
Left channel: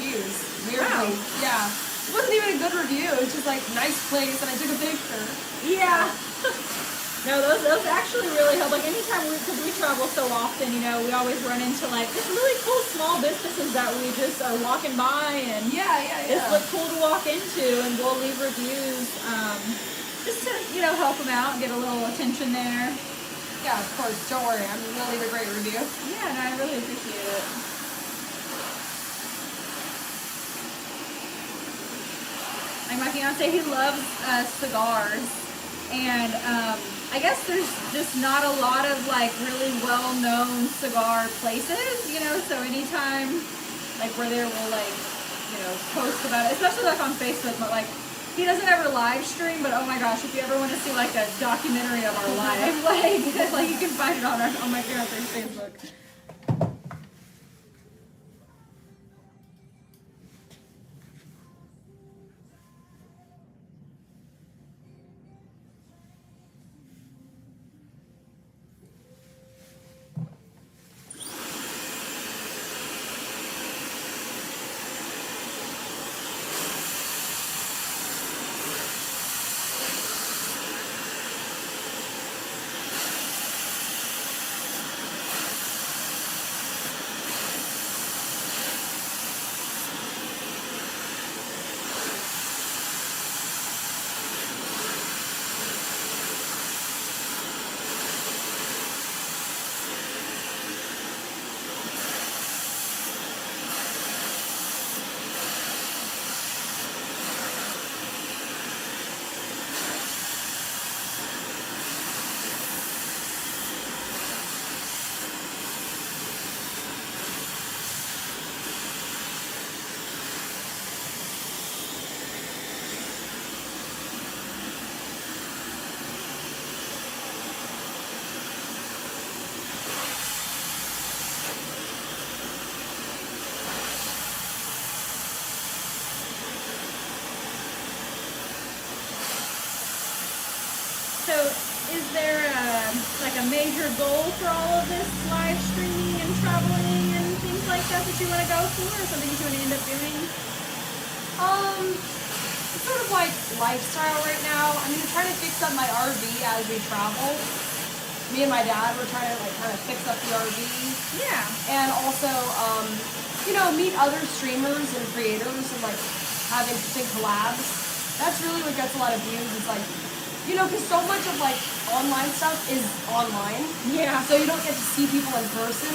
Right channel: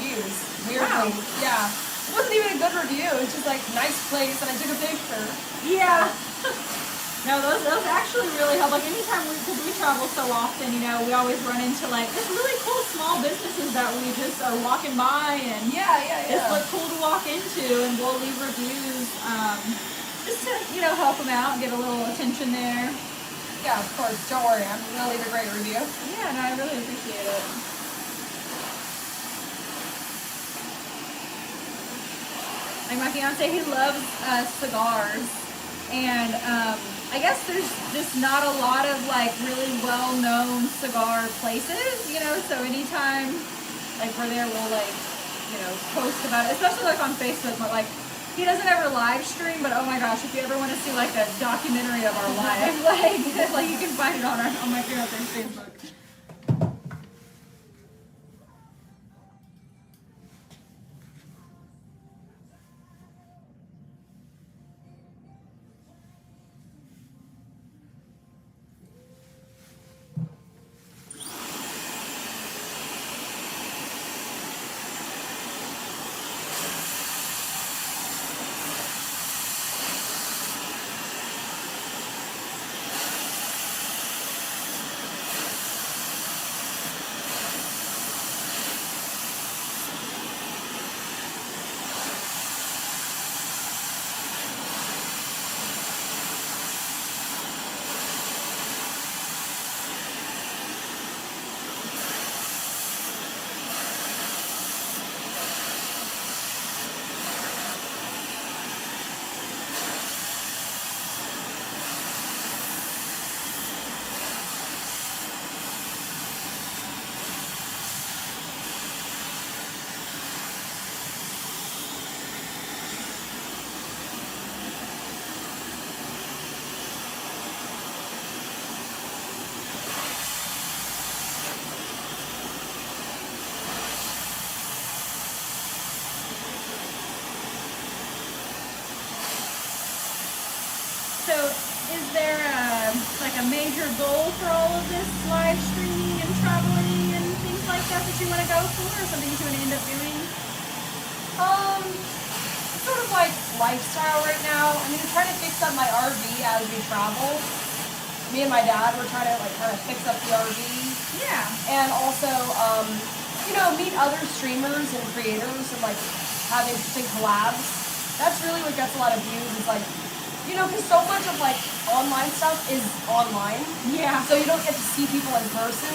views. Weirdly. Wow. Yeah. It wasn't even a good review. It was just like, nice place, and I took a picture. Yeah. No, those actually really help. Like anytime because we travel so often, you know, we always run into like just really cool small businesses that we just are walking by and just look cool to walk into, and we'll leave reviews just to, you know, help them out and get a little attention there. Yeah, of course. Don't worry, I'm gonna leave a great review. Yeah, and I really appreciate it. Like my fiance, he loves cigars, and I guess there's just not a lot of like really well-known cigar places, you know, so anytime like we're there, we'll like, you know, post about it, especially like on Facebook, but like he doesn't ever live stream, but oh my gosh, if you ever want to see like a documentary of our life, like you can find it on my fiance's Facebook. So is there like a major goal for all of this live streaming and traveling and things like that you want to go for, or something you want to end up doing? It's sort of like lifestyle right now. I mean, I'm trying to fix up my RV as we travel. Me and my dad were trying to like kind of fix up the RV. Yeah. And also, you know, meet other streamers and creators and like have interesting collabs. That's really what gets a lot of views. Is like, you know, because so much of like online stuff is online. Yeah. So you don't get to see people in person.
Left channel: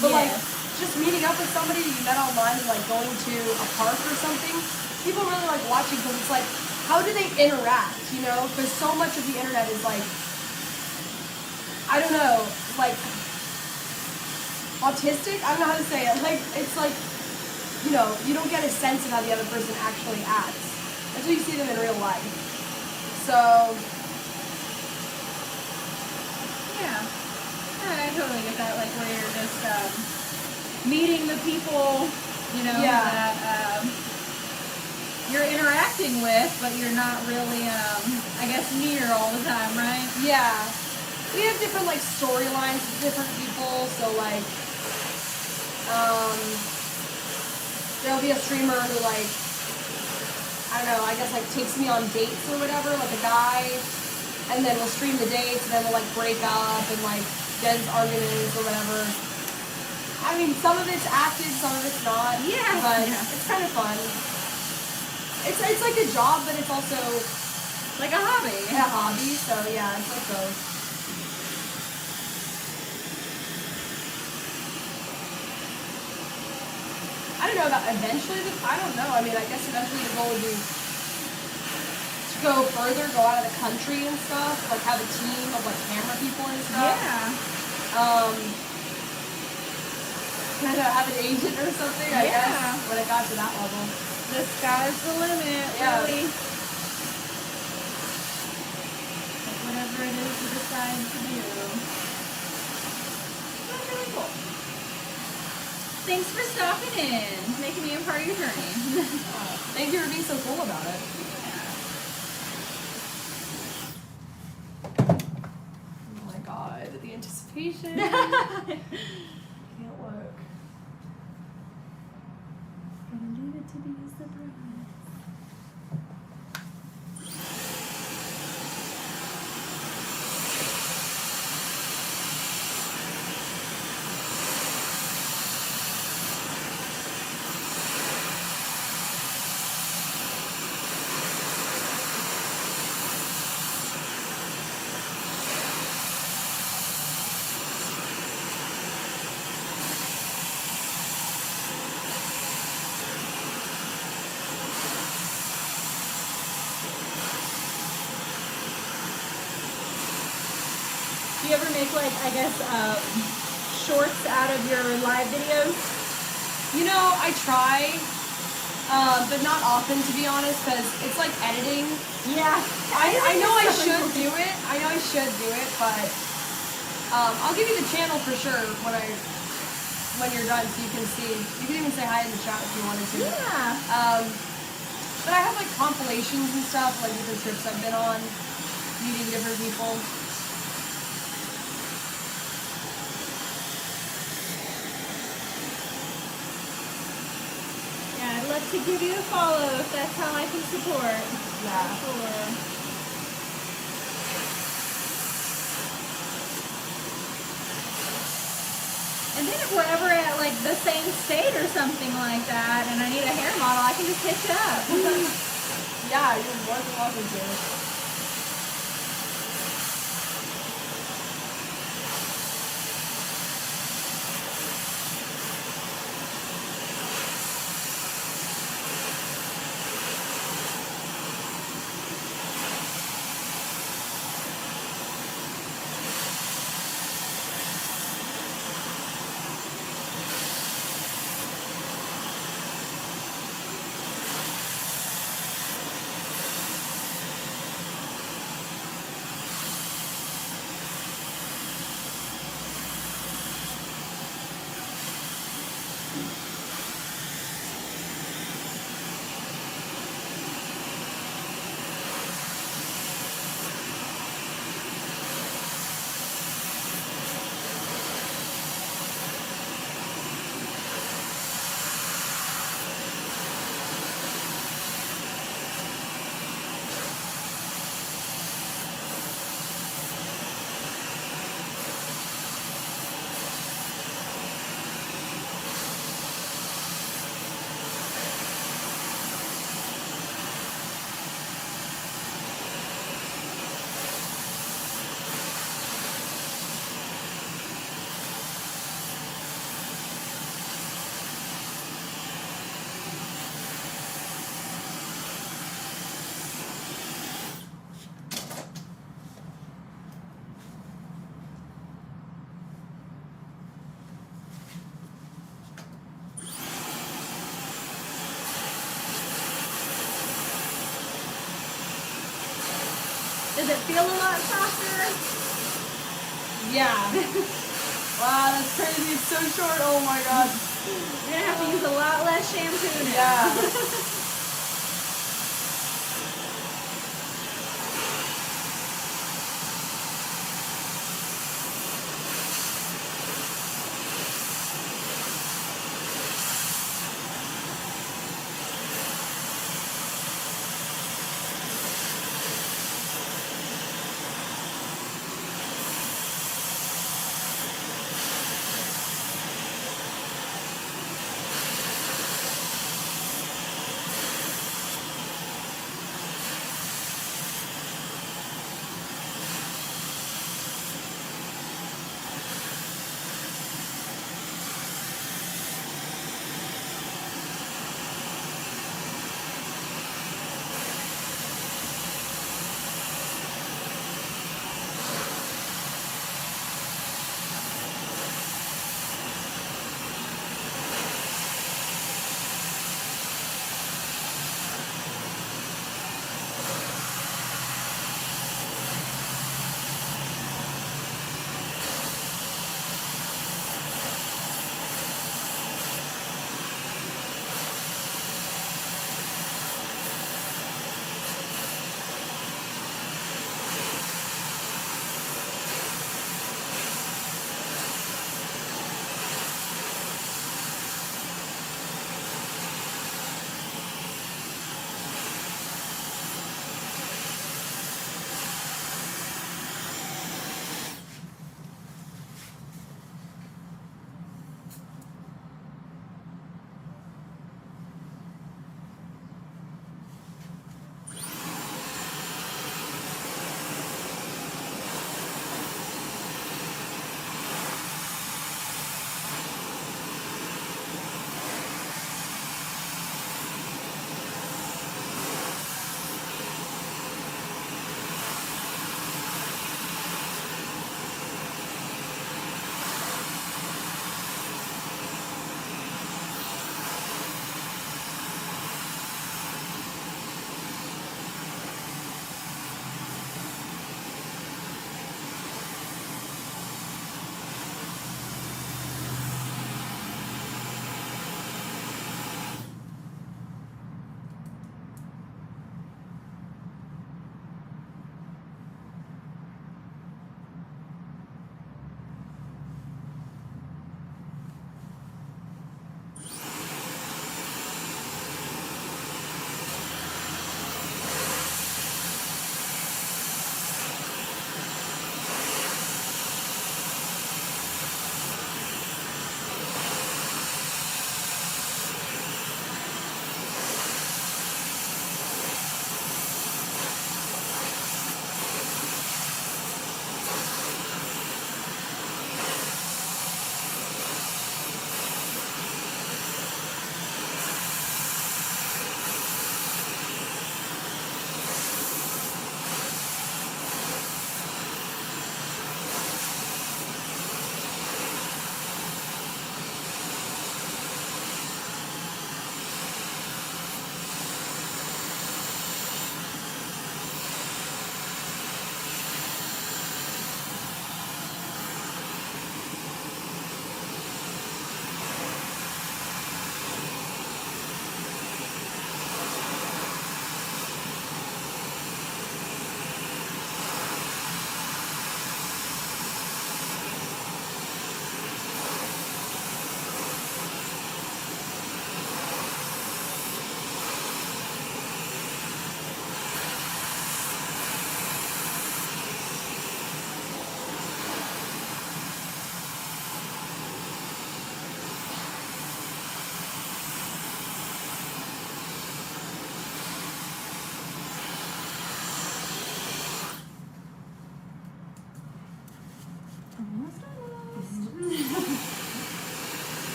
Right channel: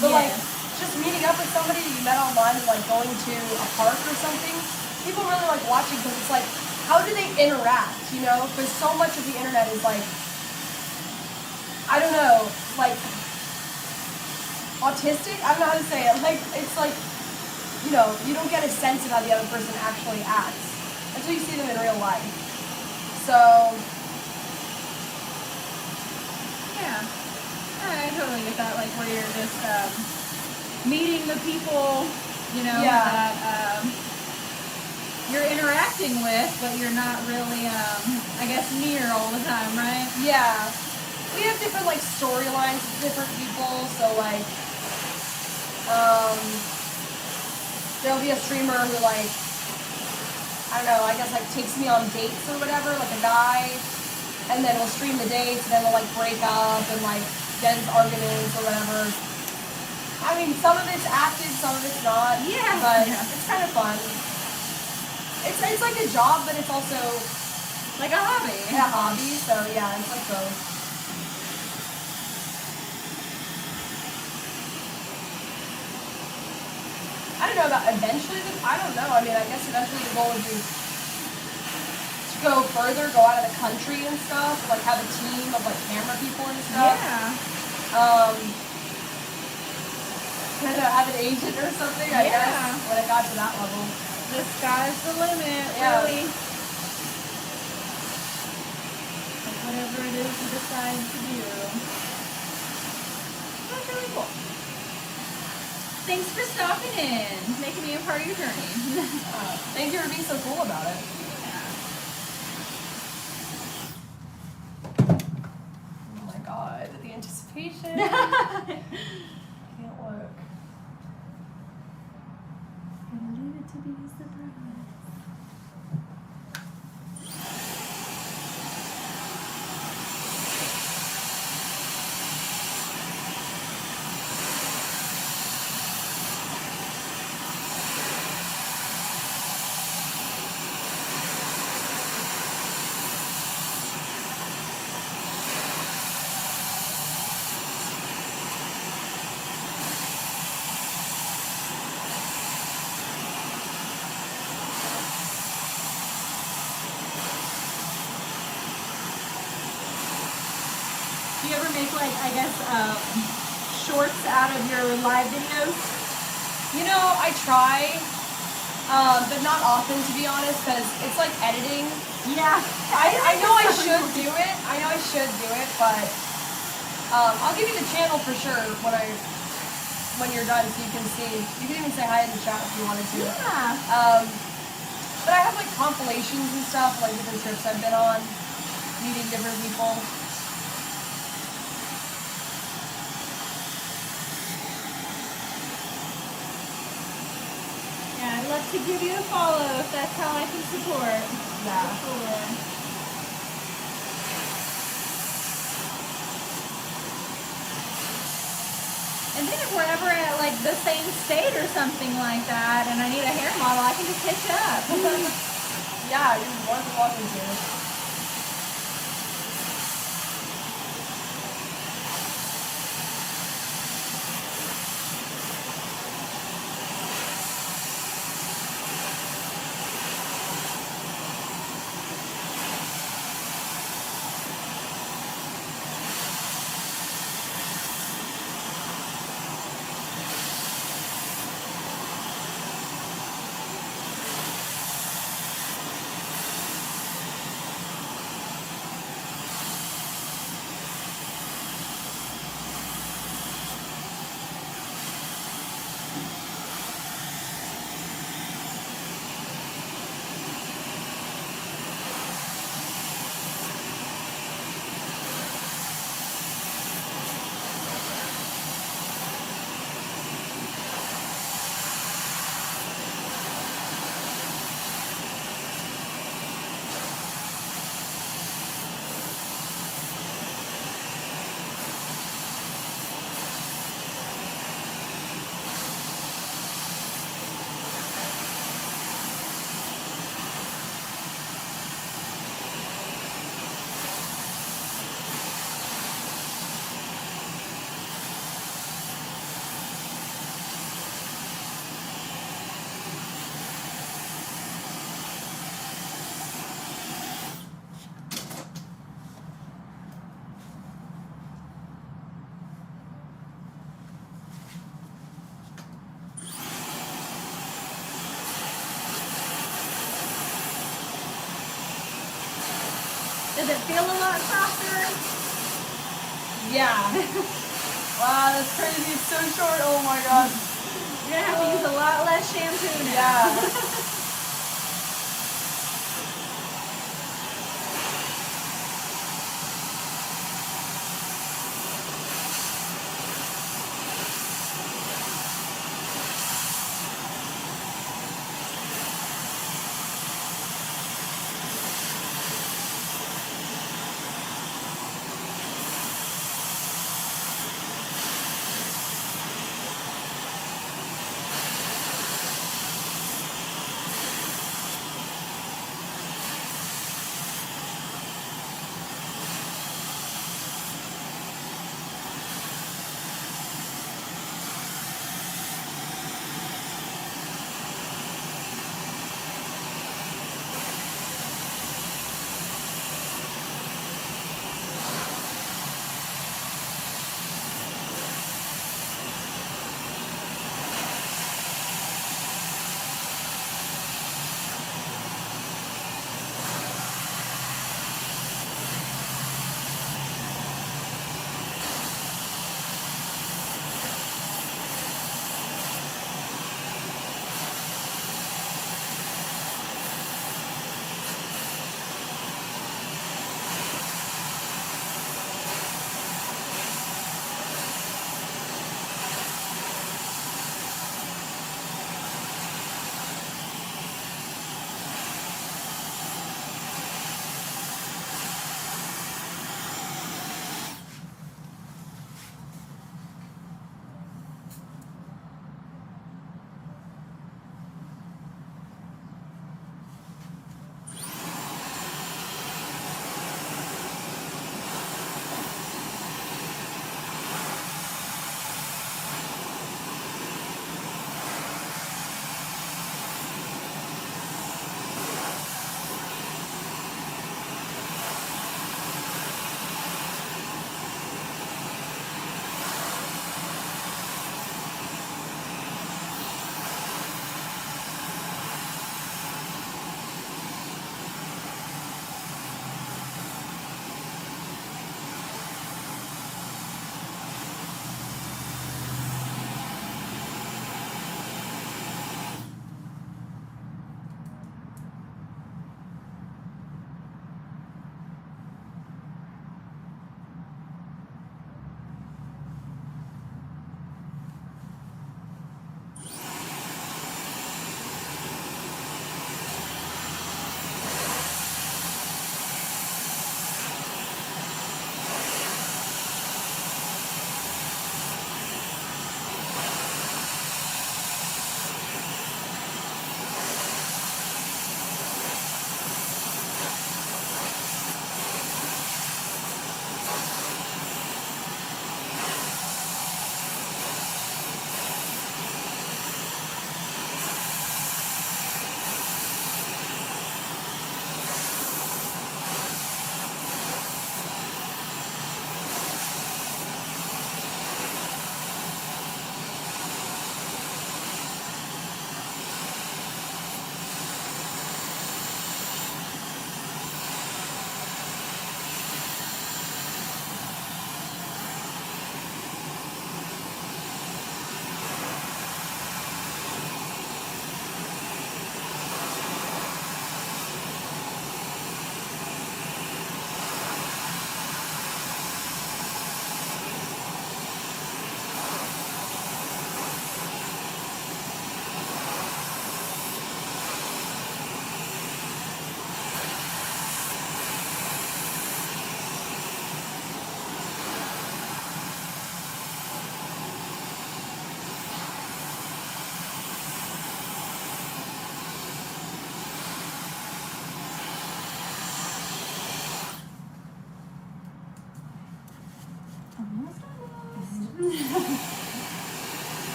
But like just meeting up with somebody you met online and like going to a park or something, people really like watching because it's like, how do they interact? You know, because so much of the internet is like, I don't know, like autistic. I don't know how to say it. Like it's like, you know, you don't get a sense of how the other person actually acts until you see them in real life. So, yeah, I totally get that, like where you're just meeting the people, you know, that you're interacting with, but you're not really, I guess, near all the time, right? Yeah. We have different, like, storylines with different people, so, like, there'll be a streamer who, like, I don't know, I guess like takes me on dates or whatever, like a guy, and then we'll stream the dates, and then we'll like break up and like get into arguments or whatever. I mean, some of it's active, some of it's not. Yeah. But it's kind of fun. It's like a job, but it's also like a hobby. A hobby, so yeah, it's like both. I don't know about eventually, I don't know. I mean, I guess eventually the goal would be to go further, go out of the country and stuff, like have a team of like camera people and stuff. Yeah. Kind of have an agent or something, I guess, when it got to that level. The sky's the limit, really. Whatever it is you decide to do. That's really cool. Thanks for stopping in, making me a part of your journey. Thank you for being so cool about it. Oh my god, the anticipation. Can't look. Gonna leave it to be a surprise. Do you ever make like, I guess, shorts out of your live videos? You know, I try, but not often, to be honest, because it's like editing. Yeah. I know I should do it. I know I should do it, but I'll give you the channel for sure when you're done, so you can see. You can even say hi in the chat if you wanted to. Yeah. But I have like compilations and stuff, like different trips I've been on, meeting different people. Yeah, I'd love to give you a follow if that's how I can support. Yeah. Sure. And then if we're ever at like the same state or something like that, and I need a hair model, I can just hit you up. Yeah, you're more than welcome to. Does it feel a lot softer? Yeah. Wow, that's crazy. It's so short. Oh my god. You're gonna have to use a lot less shampoo now. Yeah.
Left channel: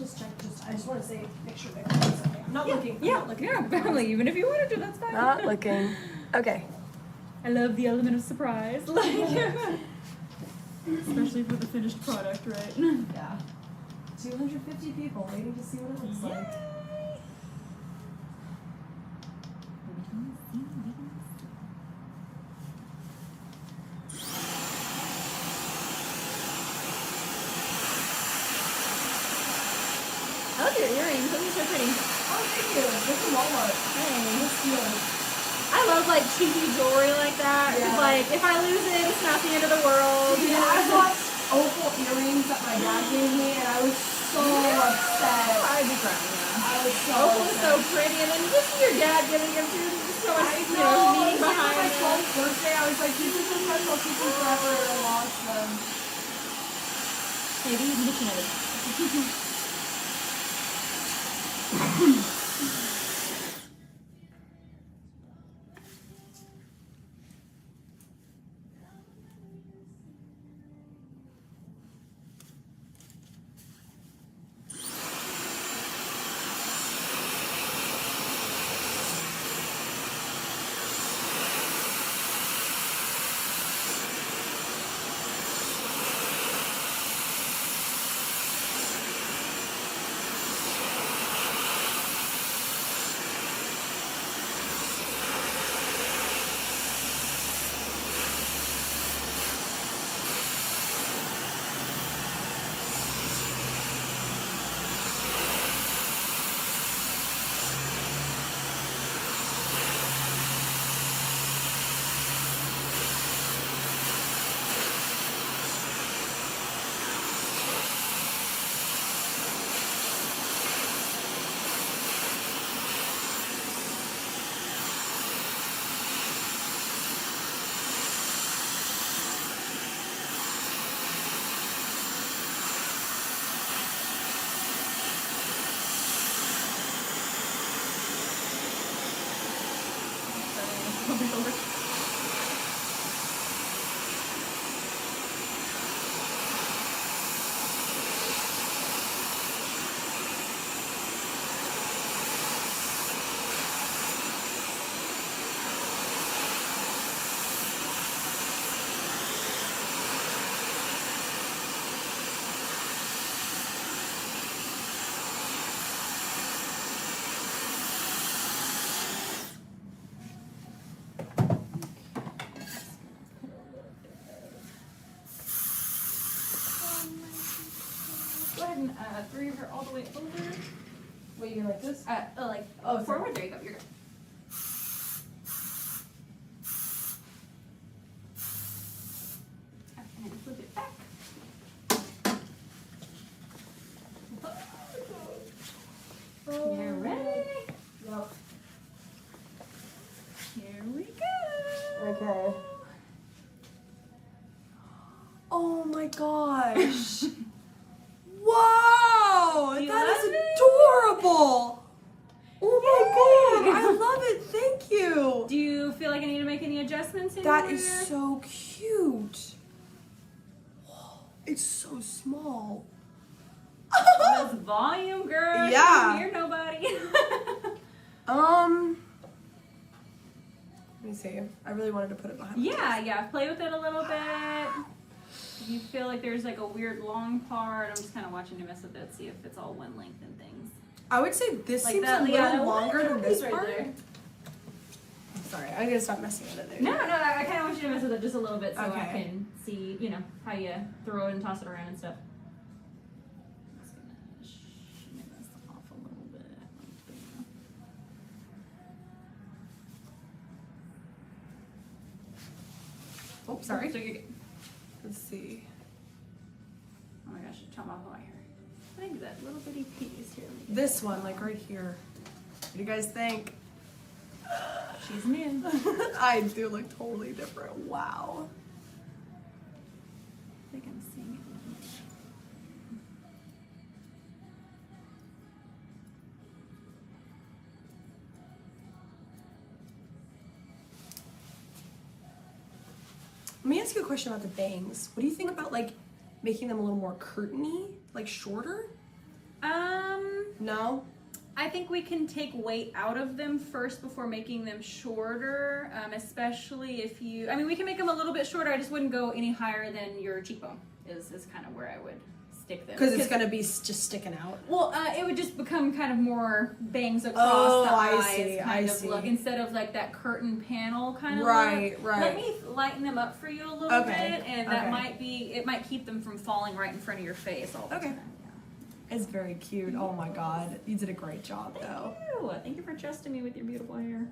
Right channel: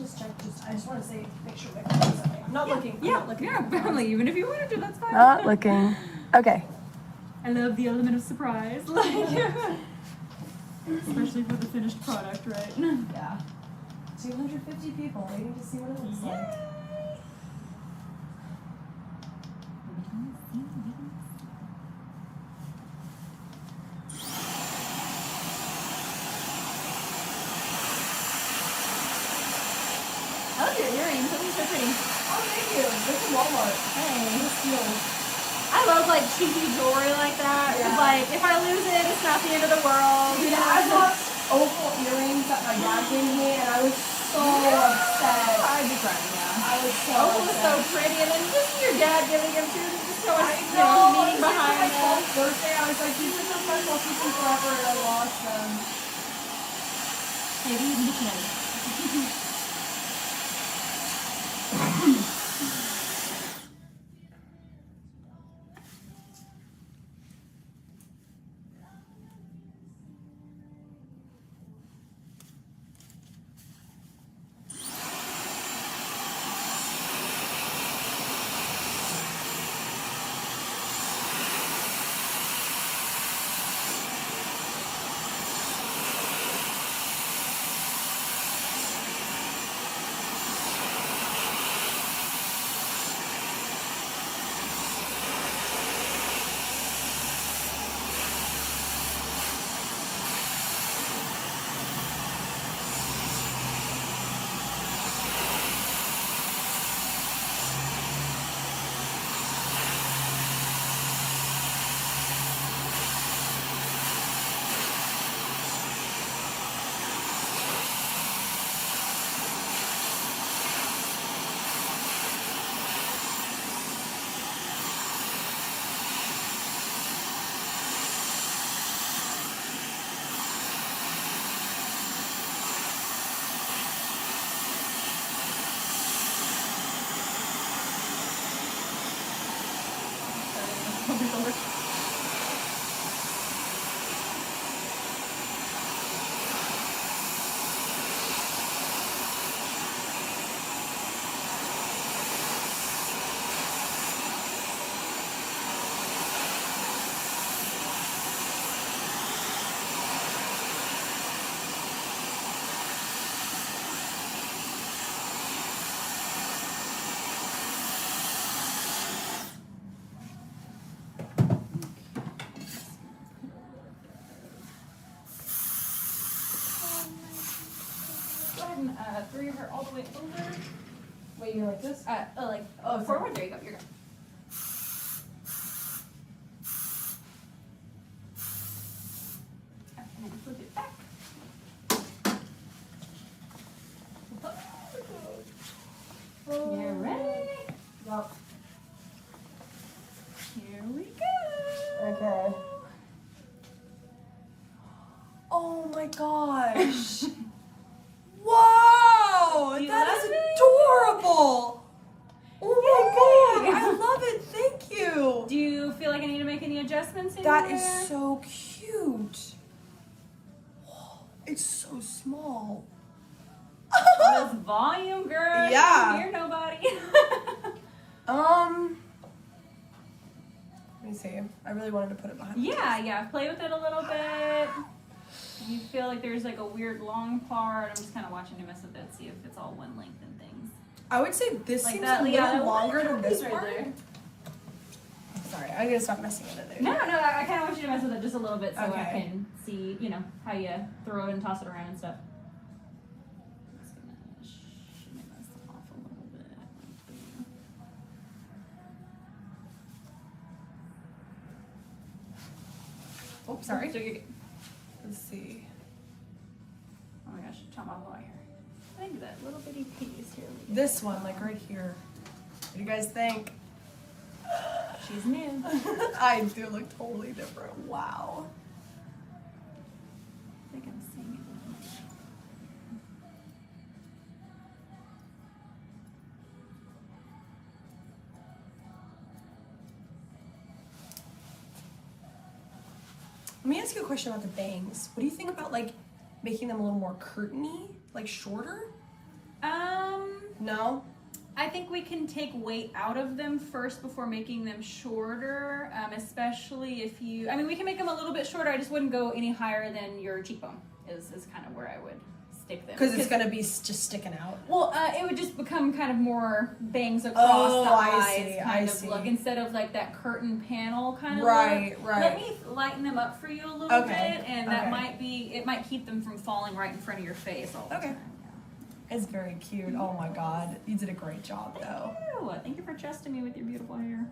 just check. I just want to say, make sure my phone's okay. I'm not looking. I'm not looking. Family. Even if you wanted to, that's fine. Not looking. Okay. I love the element of surprise, like, especially for the finished product, right? Yeah. 250 people waiting to see what it looks like. I love your earrings. Those are so pretty. Oh, thank you. This is Walmart. Hey. I love like cheapy jewelry like that. Yeah. Like if I lose it, it's not the end of the world. Yeah, I bought opal earrings that my dad gave me, and I was so upset. I'd be crying, yeah. I was so Opal was so upset. pretty, and then just your dad giving them to you, just so much, meaning behind my it. birthday, I was like, these are so special, I'll keep them forever, and I lost them. Hey, these can get you Go ahead and throw your hair all the way over. Wait, you're like this? Oh, forward. There you go. You're good. And then flip it back. You're ready. Yep. Here we go. Okay. Oh my gosh. Wow! You That love is it? adorable! Oh my Yay! god! I love it! Thank you! Do you feel like I need to make any adjustments That anywhere? is so cute! It's so small. That's volume, girl. You Yeah. don't hear nobody. Let me see. I really wanted to put it behind my Yeah. Play with it a little bit. If you feel like there's like a weird long part, I'm just kind of watching you mess with it, see if it's all one length and things. I would say this Like seems that, a little yeah, that longer one than this right part. there. Sorry, I gotta stop messing with it there. No, I kind of want you to mess with it just a little bit so I Okay. can see, how you throw it and toss it around and stuff. Just gonna shimmy this off a little bit. Oh, sorry. So you're good. Let's see. Oh my gosh, chop off all my hair. I think that little bitty piece here. This one, like right here. What do you guys think? She's new. I do look totally different. Wow. I think I'm seeing it. Let me ask you a question about the bangs. What do you think about like making them a little more curtainy, like shorter? No? I think we can take weight out of them first before making them shorter, especially if you, I mean, we can make them a little bit shorter. I just wouldn't go any higher than your cheekbone is kind of where I would stick them. Because it's going to be just sticking out. Well, it would just become kind of more bangs across the eyes kind of look instead of like that curtain panel kind of look. Right. Let me lighten them up for you a little bit, and that might be, it might keep them from falling right in front of your face all the time. It's very cute. Oh my god. You did a great job though. Thank you for trusting me with your beautiful hair.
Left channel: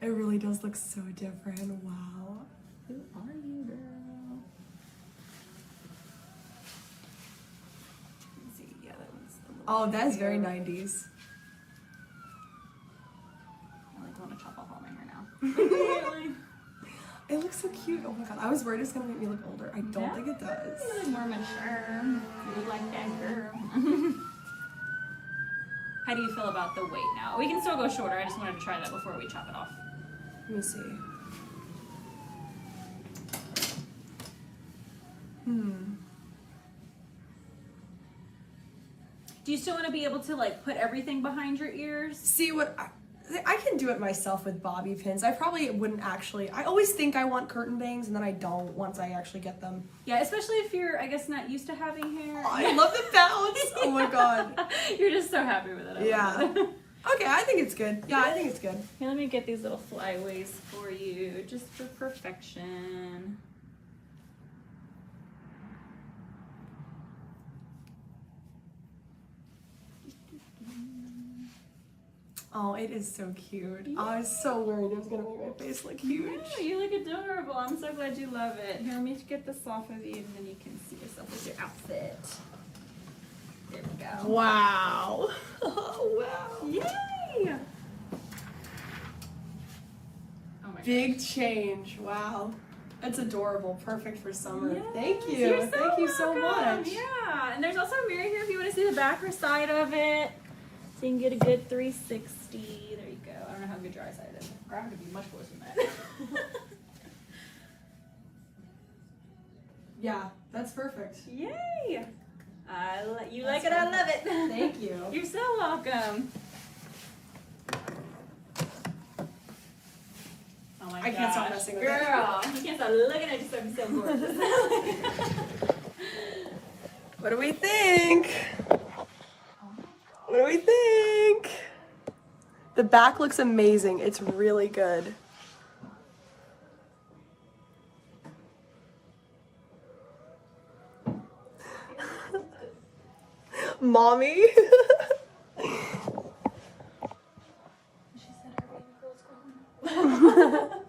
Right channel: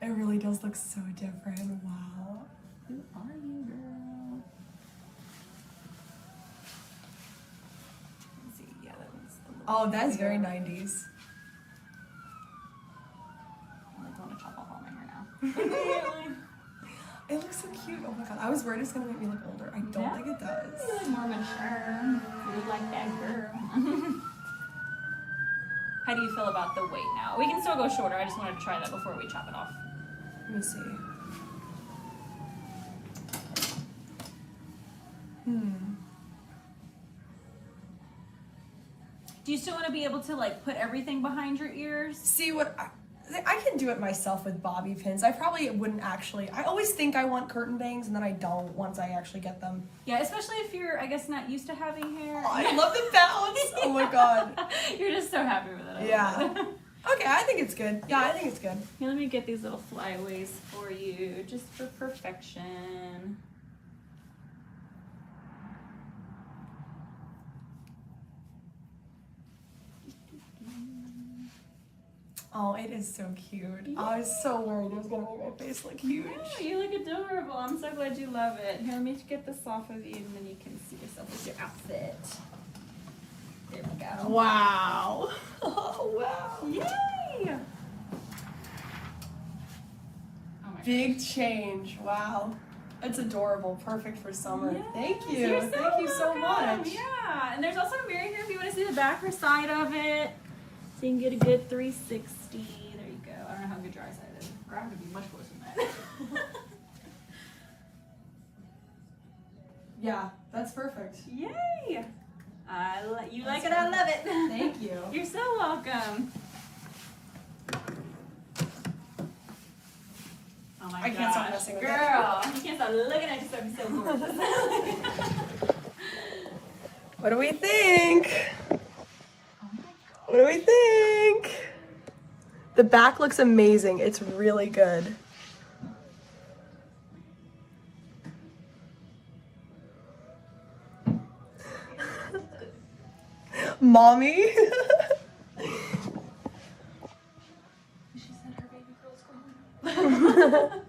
It really does look so different. Wow. Who are you, girl? Let's see. Yeah, that one's the Oh, that's very 90s. I like want to chop off all my hair now. It looks so cute. Oh my god. I was worried it's gonna make me look older. I don't think it does. You look more mature. You look like that girl. How do you feel about the weight now? We can still go shorter. I just wanted to try that before we chop it off. Let me see. Do you still want to be able to like put everything behind your ears? See what I can do it myself with bobby pins. I probably wouldn't actually. I always think I want curtain bangs and then I don't once I actually get them. Yeah, especially if you're, I guess, not used to having hair. Oh, I love the bounce. Oh my god. You're just so happy with it. Yeah. Okay, I think it's good. Yeah, I think it's good. Here, let me get these little flyaways for you, just for perfection. Oh, it is so cute. Yeah. I was so worried it was gonna make my face look huge. No, you look adorable. I'm so glad you love it. Here, let me get this off of you, and then you can see yourself with your outfit. There we go. Wow. Oh, wow. Yay! Oh my Big change. Wow. It's adorable. Perfect for summer. Yes, Thank you. You're so Thank you so welcome. much. Yeah, and there's also a mirror here if you want to see the back or side of it. So you can get a good 360. There you go. I don't know how good your eyesight is. Or I have to be much worse than that. Yeah, that's perfect. Yay! You like it, I love it. Thank you. You're so welcome. Oh my I can't stop messing with it. Girl, you can't stop looking at yourself. You're so gorgeous. What do we think? What do we think? The back looks amazing. It's really good. Mommy? She said her baby girl's gone.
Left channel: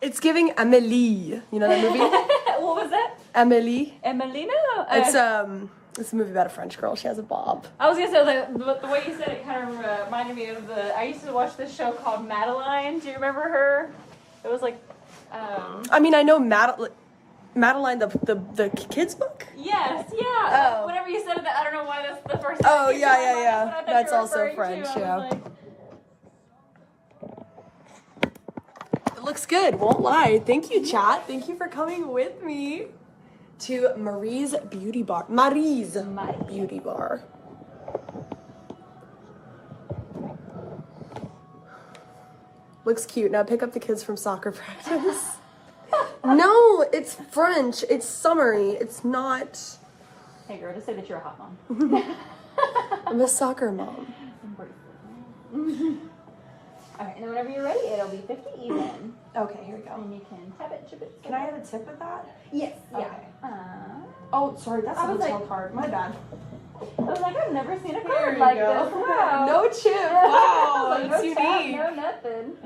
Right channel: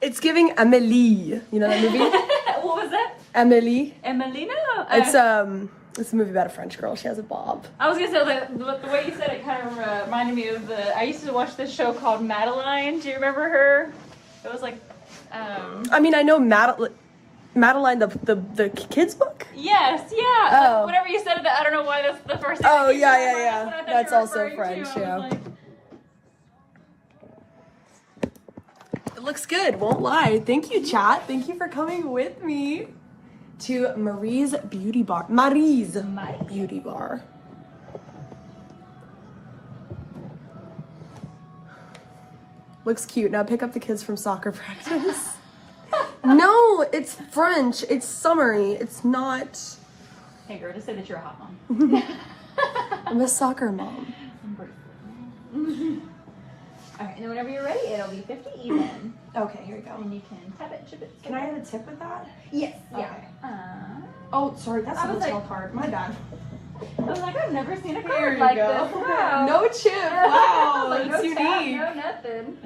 It's giving Amelie. You know that movie? What was that? Amelie. Emelina? It's a movie about a French girl. She has a bob. I was gonna say the way you said it kind of reminded me of I used to watch this show called Madeline. Do you remember her? It was like, I mean, I know Madeline, the kids book. Yes, yeah. Oh. Whenever you said that, I don't know why that's the first. Oh, thing yeah, came to yeah, mind, yeah. so I thought That's you were also referring French, to. I yeah. was like, It looks good, won't lie. Thank you, chat. Thank you for coming with me to Marie's Beauty Bar. Marie's Beauty Bar. Looks cute. Now pick up the kids from soccer practice. No, it's French. It's summery. It's not. Hey girl, just say that you're a hot mom. I'm a soccer mom. Okay, and then whenever you're ready, it'll be 50 even. Okay, here we go. And you can tap it, chip it. Can I have a tip with that? Yes. Okay. Yeah. Oh, sorry, that's I a was hotel like- card. My bad. I was like, I've never seen a Here card you like go. this. Wow. No chip. I Wow, was like, that's no tap, unique. no nothing.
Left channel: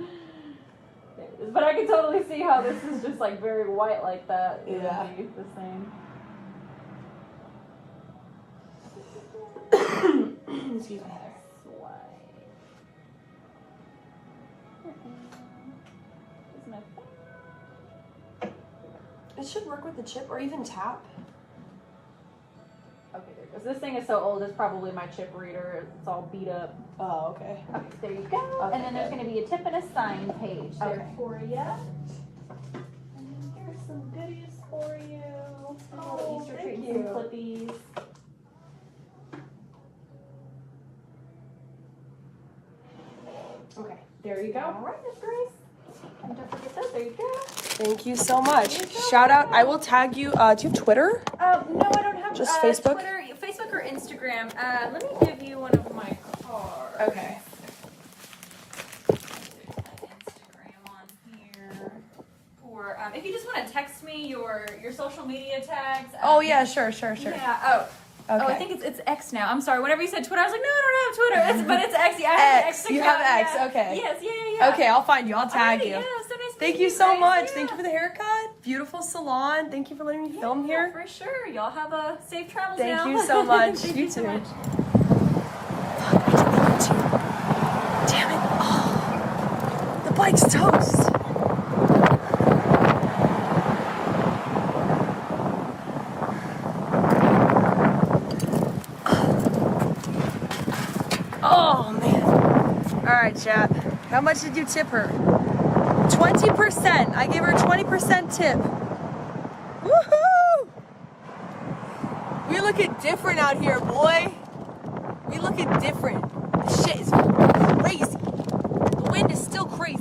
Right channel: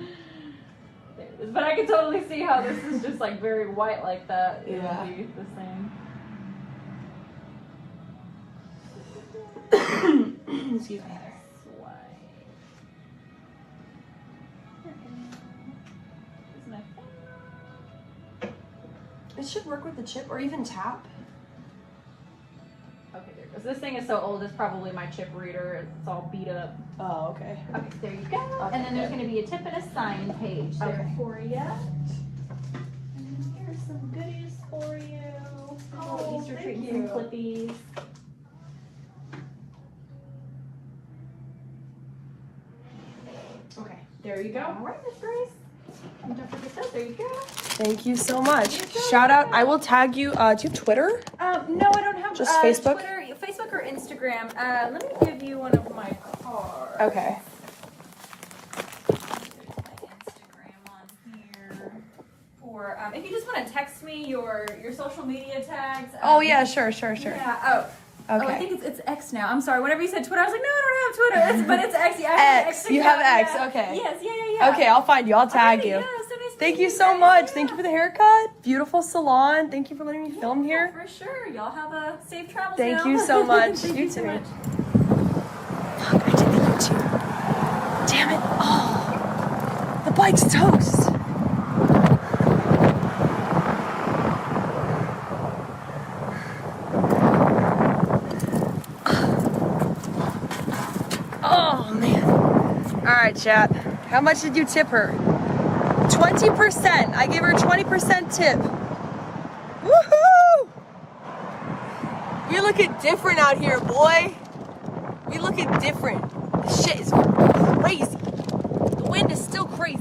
There it is. But I can totally see how this is just like very white like that. It Yeah. would be the same. Excuse me. It should work with the chip or even tap. Okay, there this thing is so old, it's probably my chip reader. It's all beat up. Oh, okay. Okay, there you go. Okay, and then there's going to be a tip and a sign page there for you. And here's some goodies for you. Oh, Easter treats and clippies. Okay, there you go. All right, Miss Grace. And don't forget that. There you go. Thank you so much. Shout out. I will tag you. Do you have Twitter? No, I don't have just Facebook. Twitter, Facebook or Instagram. Let me give you one of my cards. Okay. My Instagram on here. Or if you just want to text me your social media tags. Oh yeah, sure. Yeah. Oh. Okay. Oh, I think it's X now. I'm sorry. Whenever you said Twitter, I was like, no, I don't have Twitter. But it's X. Yeah, I have X. An You account. have X. Yeah. Okay. Yes. Yeah. Okay, I'll find you. I'll tag Alrighty, you. yeah, so nice Thank meeting you so guys. much. Yeah. Thank you for the haircut. Beautiful salon. Thank you for letting me film here. For sure. Y'all have a safe travels. Thank now. you so much. Thank You you so too. much. Fuck, I did the YouTube. Damn it. Oh, the bike's toast. Oh, man. All right, chat. How much did you tip her? 20%. I gave her a 20% tip. Woohoo! We looking different out here, boy. We looking different. This shit is crazy. The wind is still crazy.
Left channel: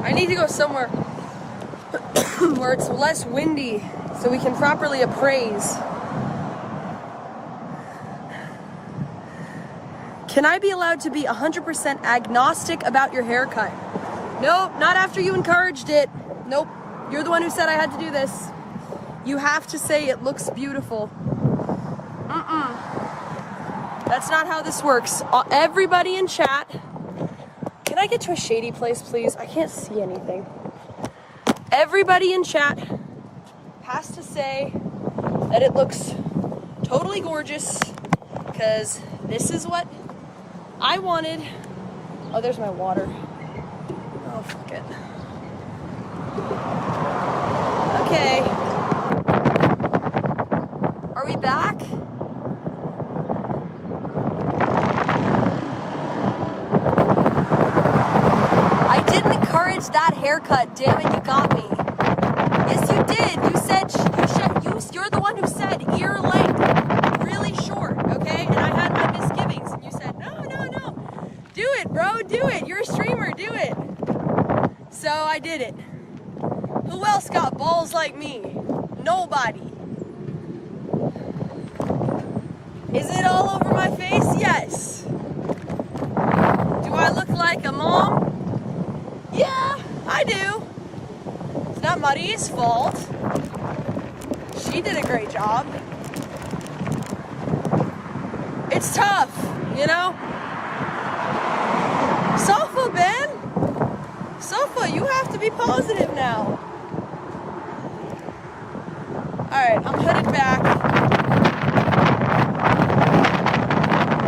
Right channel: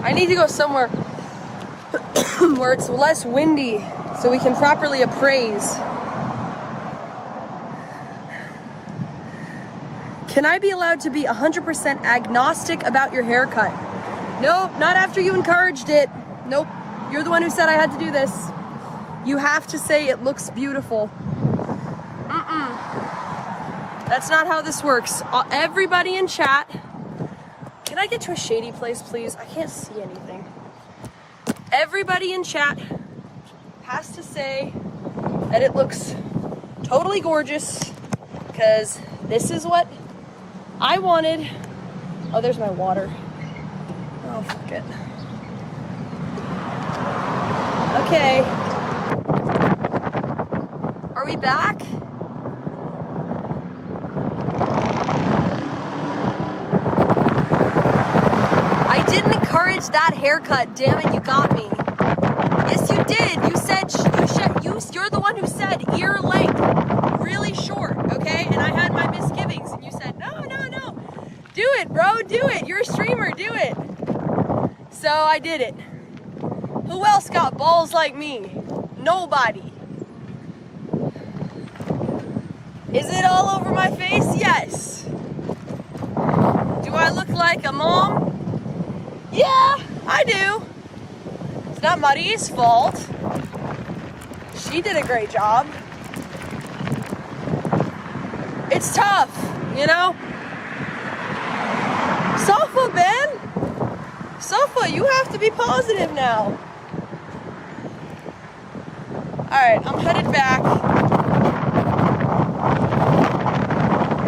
I need to go somewhere where it's less windy so we can properly appraise. Can I be allowed to be 100% agnostic about your haircut? No, not after you encouraged it. Nope, you're the one who said I had to do this. You have to say it looks beautiful. That's not how this works. Everybody in chat, can I get to a shady place, please? I can't see anything. Everybody in chat has to say that it looks totally gorgeous because this is what I wanted. Oh, there's my water. Oh, fuck it. Okay. Are we back? I didn't encourage that haircut. Damn it, you got me. Yes, you did. You said you're the one who said ear length, really short, okay? And I had my misgivings, and you said no. Do it, bro. Do it. You're a streamer. Do it. So I did it. Who else got balls like me? Nobody. Is it all over my face? Yes. Do I look like a mom? Yeah, I do. It's not Maria's fault. She did a great job. It's tough, you know? Sofa, Ben. Sofa, you have to be positive now. All right, I'm headed back.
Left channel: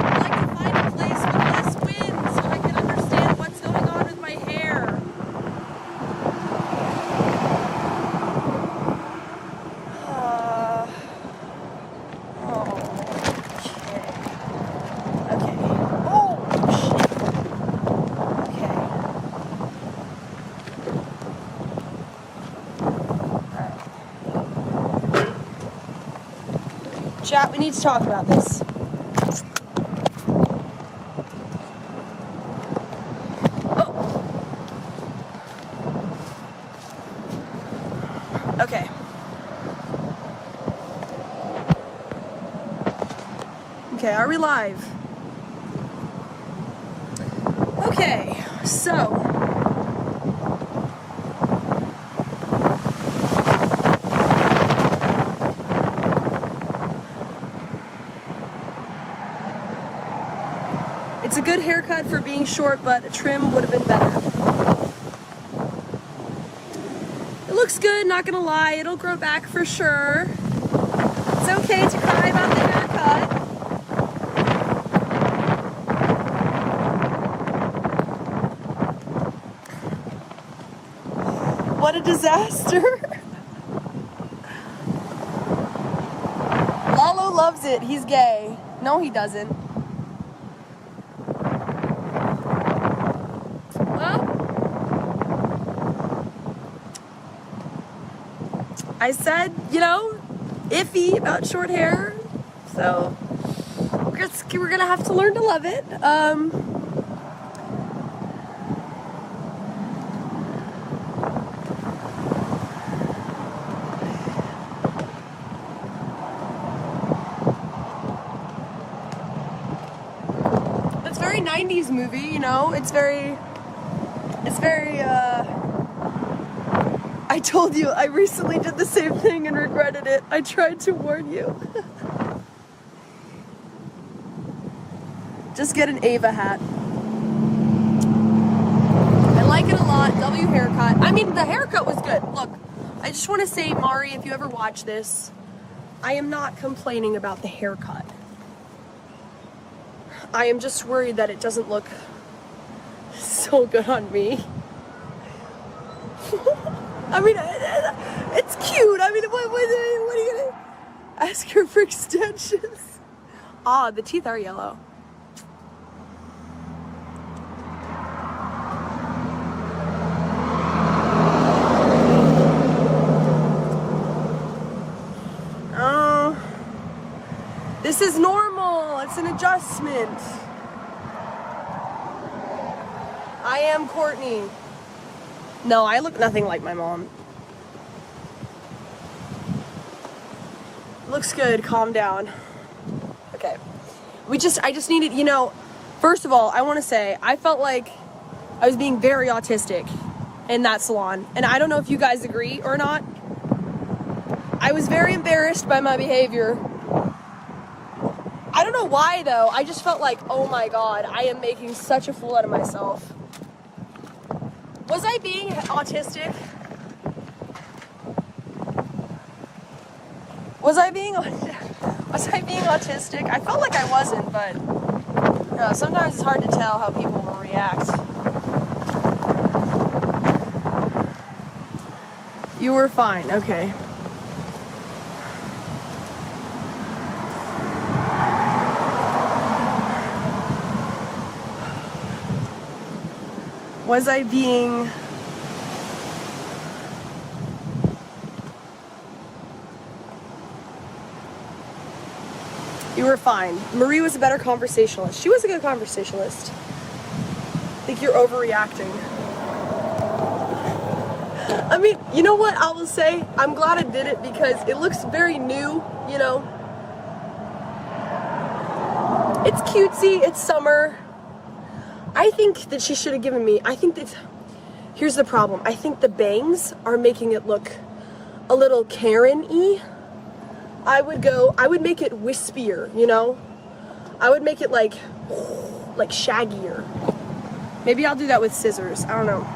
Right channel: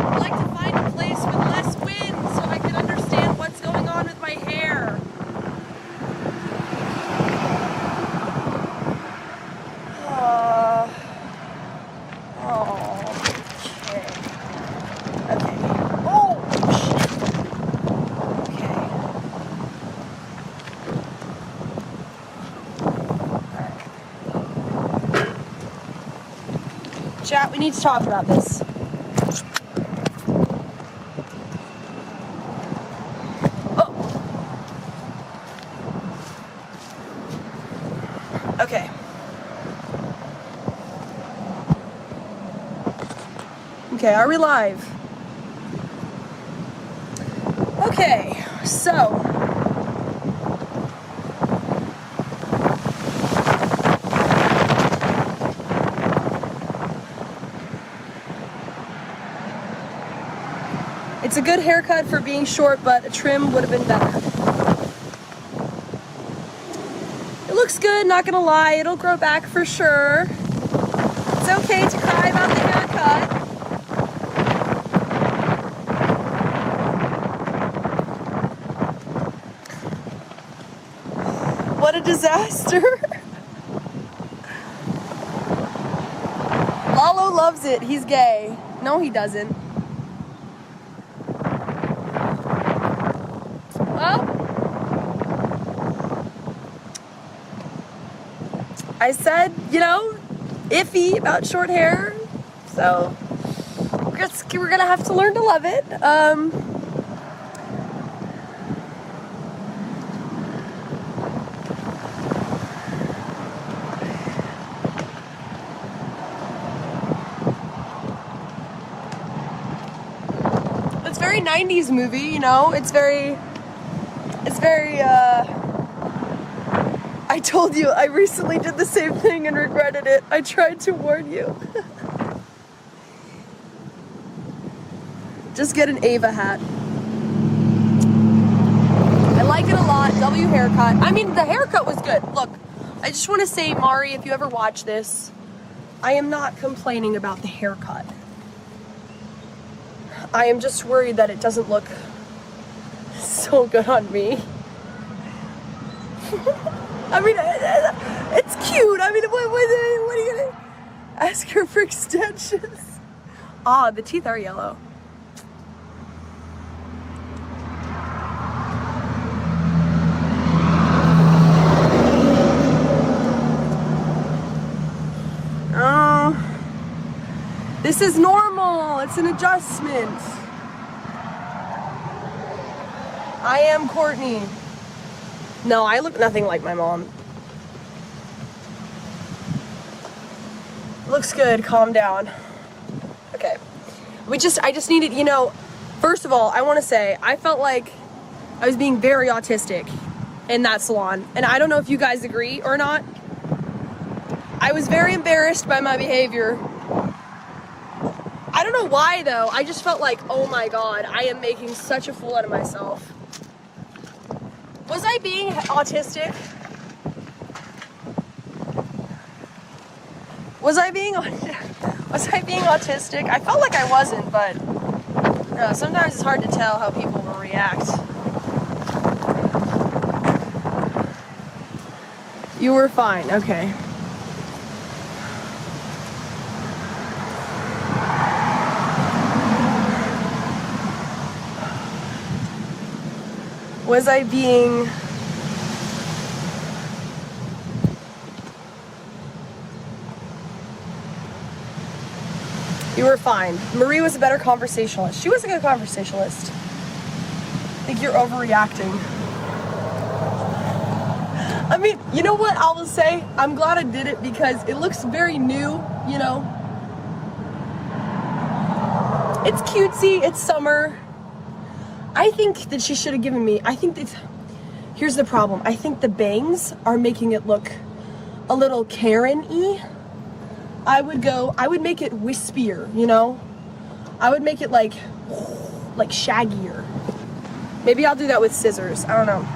I'd like to find a place with less wind so I can understand what's going on with my hair. Chat, we need to talk about this. Oh. Okay. Okay, are we live? Okay, So, it's a good haircut for being short, but a trim would have been better. It looks good, not gonna lie. It'll grow back for sure. It's okay to cry about the haircut. What a disaster. Lalo loves it. He's gay. No, he doesn't. Well, I said, you know, iffy about short hair. So we're gonna have to learn to love it. It's very 90s movie, you know. It's very I told you, I recently did the same thing and regretted it. I tried to warn you. Just get an Ava hat. I like it a lot. W haircut. I mean, the haircut was good. Look, I just want to say, Mari, if you ever watch this, I am not complaining about the haircut. I am just worried that it doesn't look so good on me. I mean, it's cute. I mean, what are you gonna ask her for extensions? Ah, the teeth are yellow. Oh, this is normal. It's an adjustment. I am Courtney. No, I look nothing like my mom. Looks good, calm down. Okay. I just needed, you know, first of all, I want to say, I felt like I was being very autistic in that salon. And I don't know if you guys agree or not. I was very embarrassed by my behavior. I don't know why though. I just felt like, oh my God, I am making such a fool out of myself. Was I being autistic? Was I being autistic? I felt like I wasn't, but sometimes it's hard to tell how people will react. You were fine, okay. Was I being... You were fine. Marie was a better conversationalist. She was a good conversationalist. I think you're overreacting. I mean, you know what I will say? I'm glad I did it because it looks very new, you know? It's cutesy, it's summer. I think that she should have given me, here's the problem. I think the bangs are making it look a little Karen-y. I would make it wispier, you know? I would make it like shaggier. Maybe I'll do that with scissors, I don't know.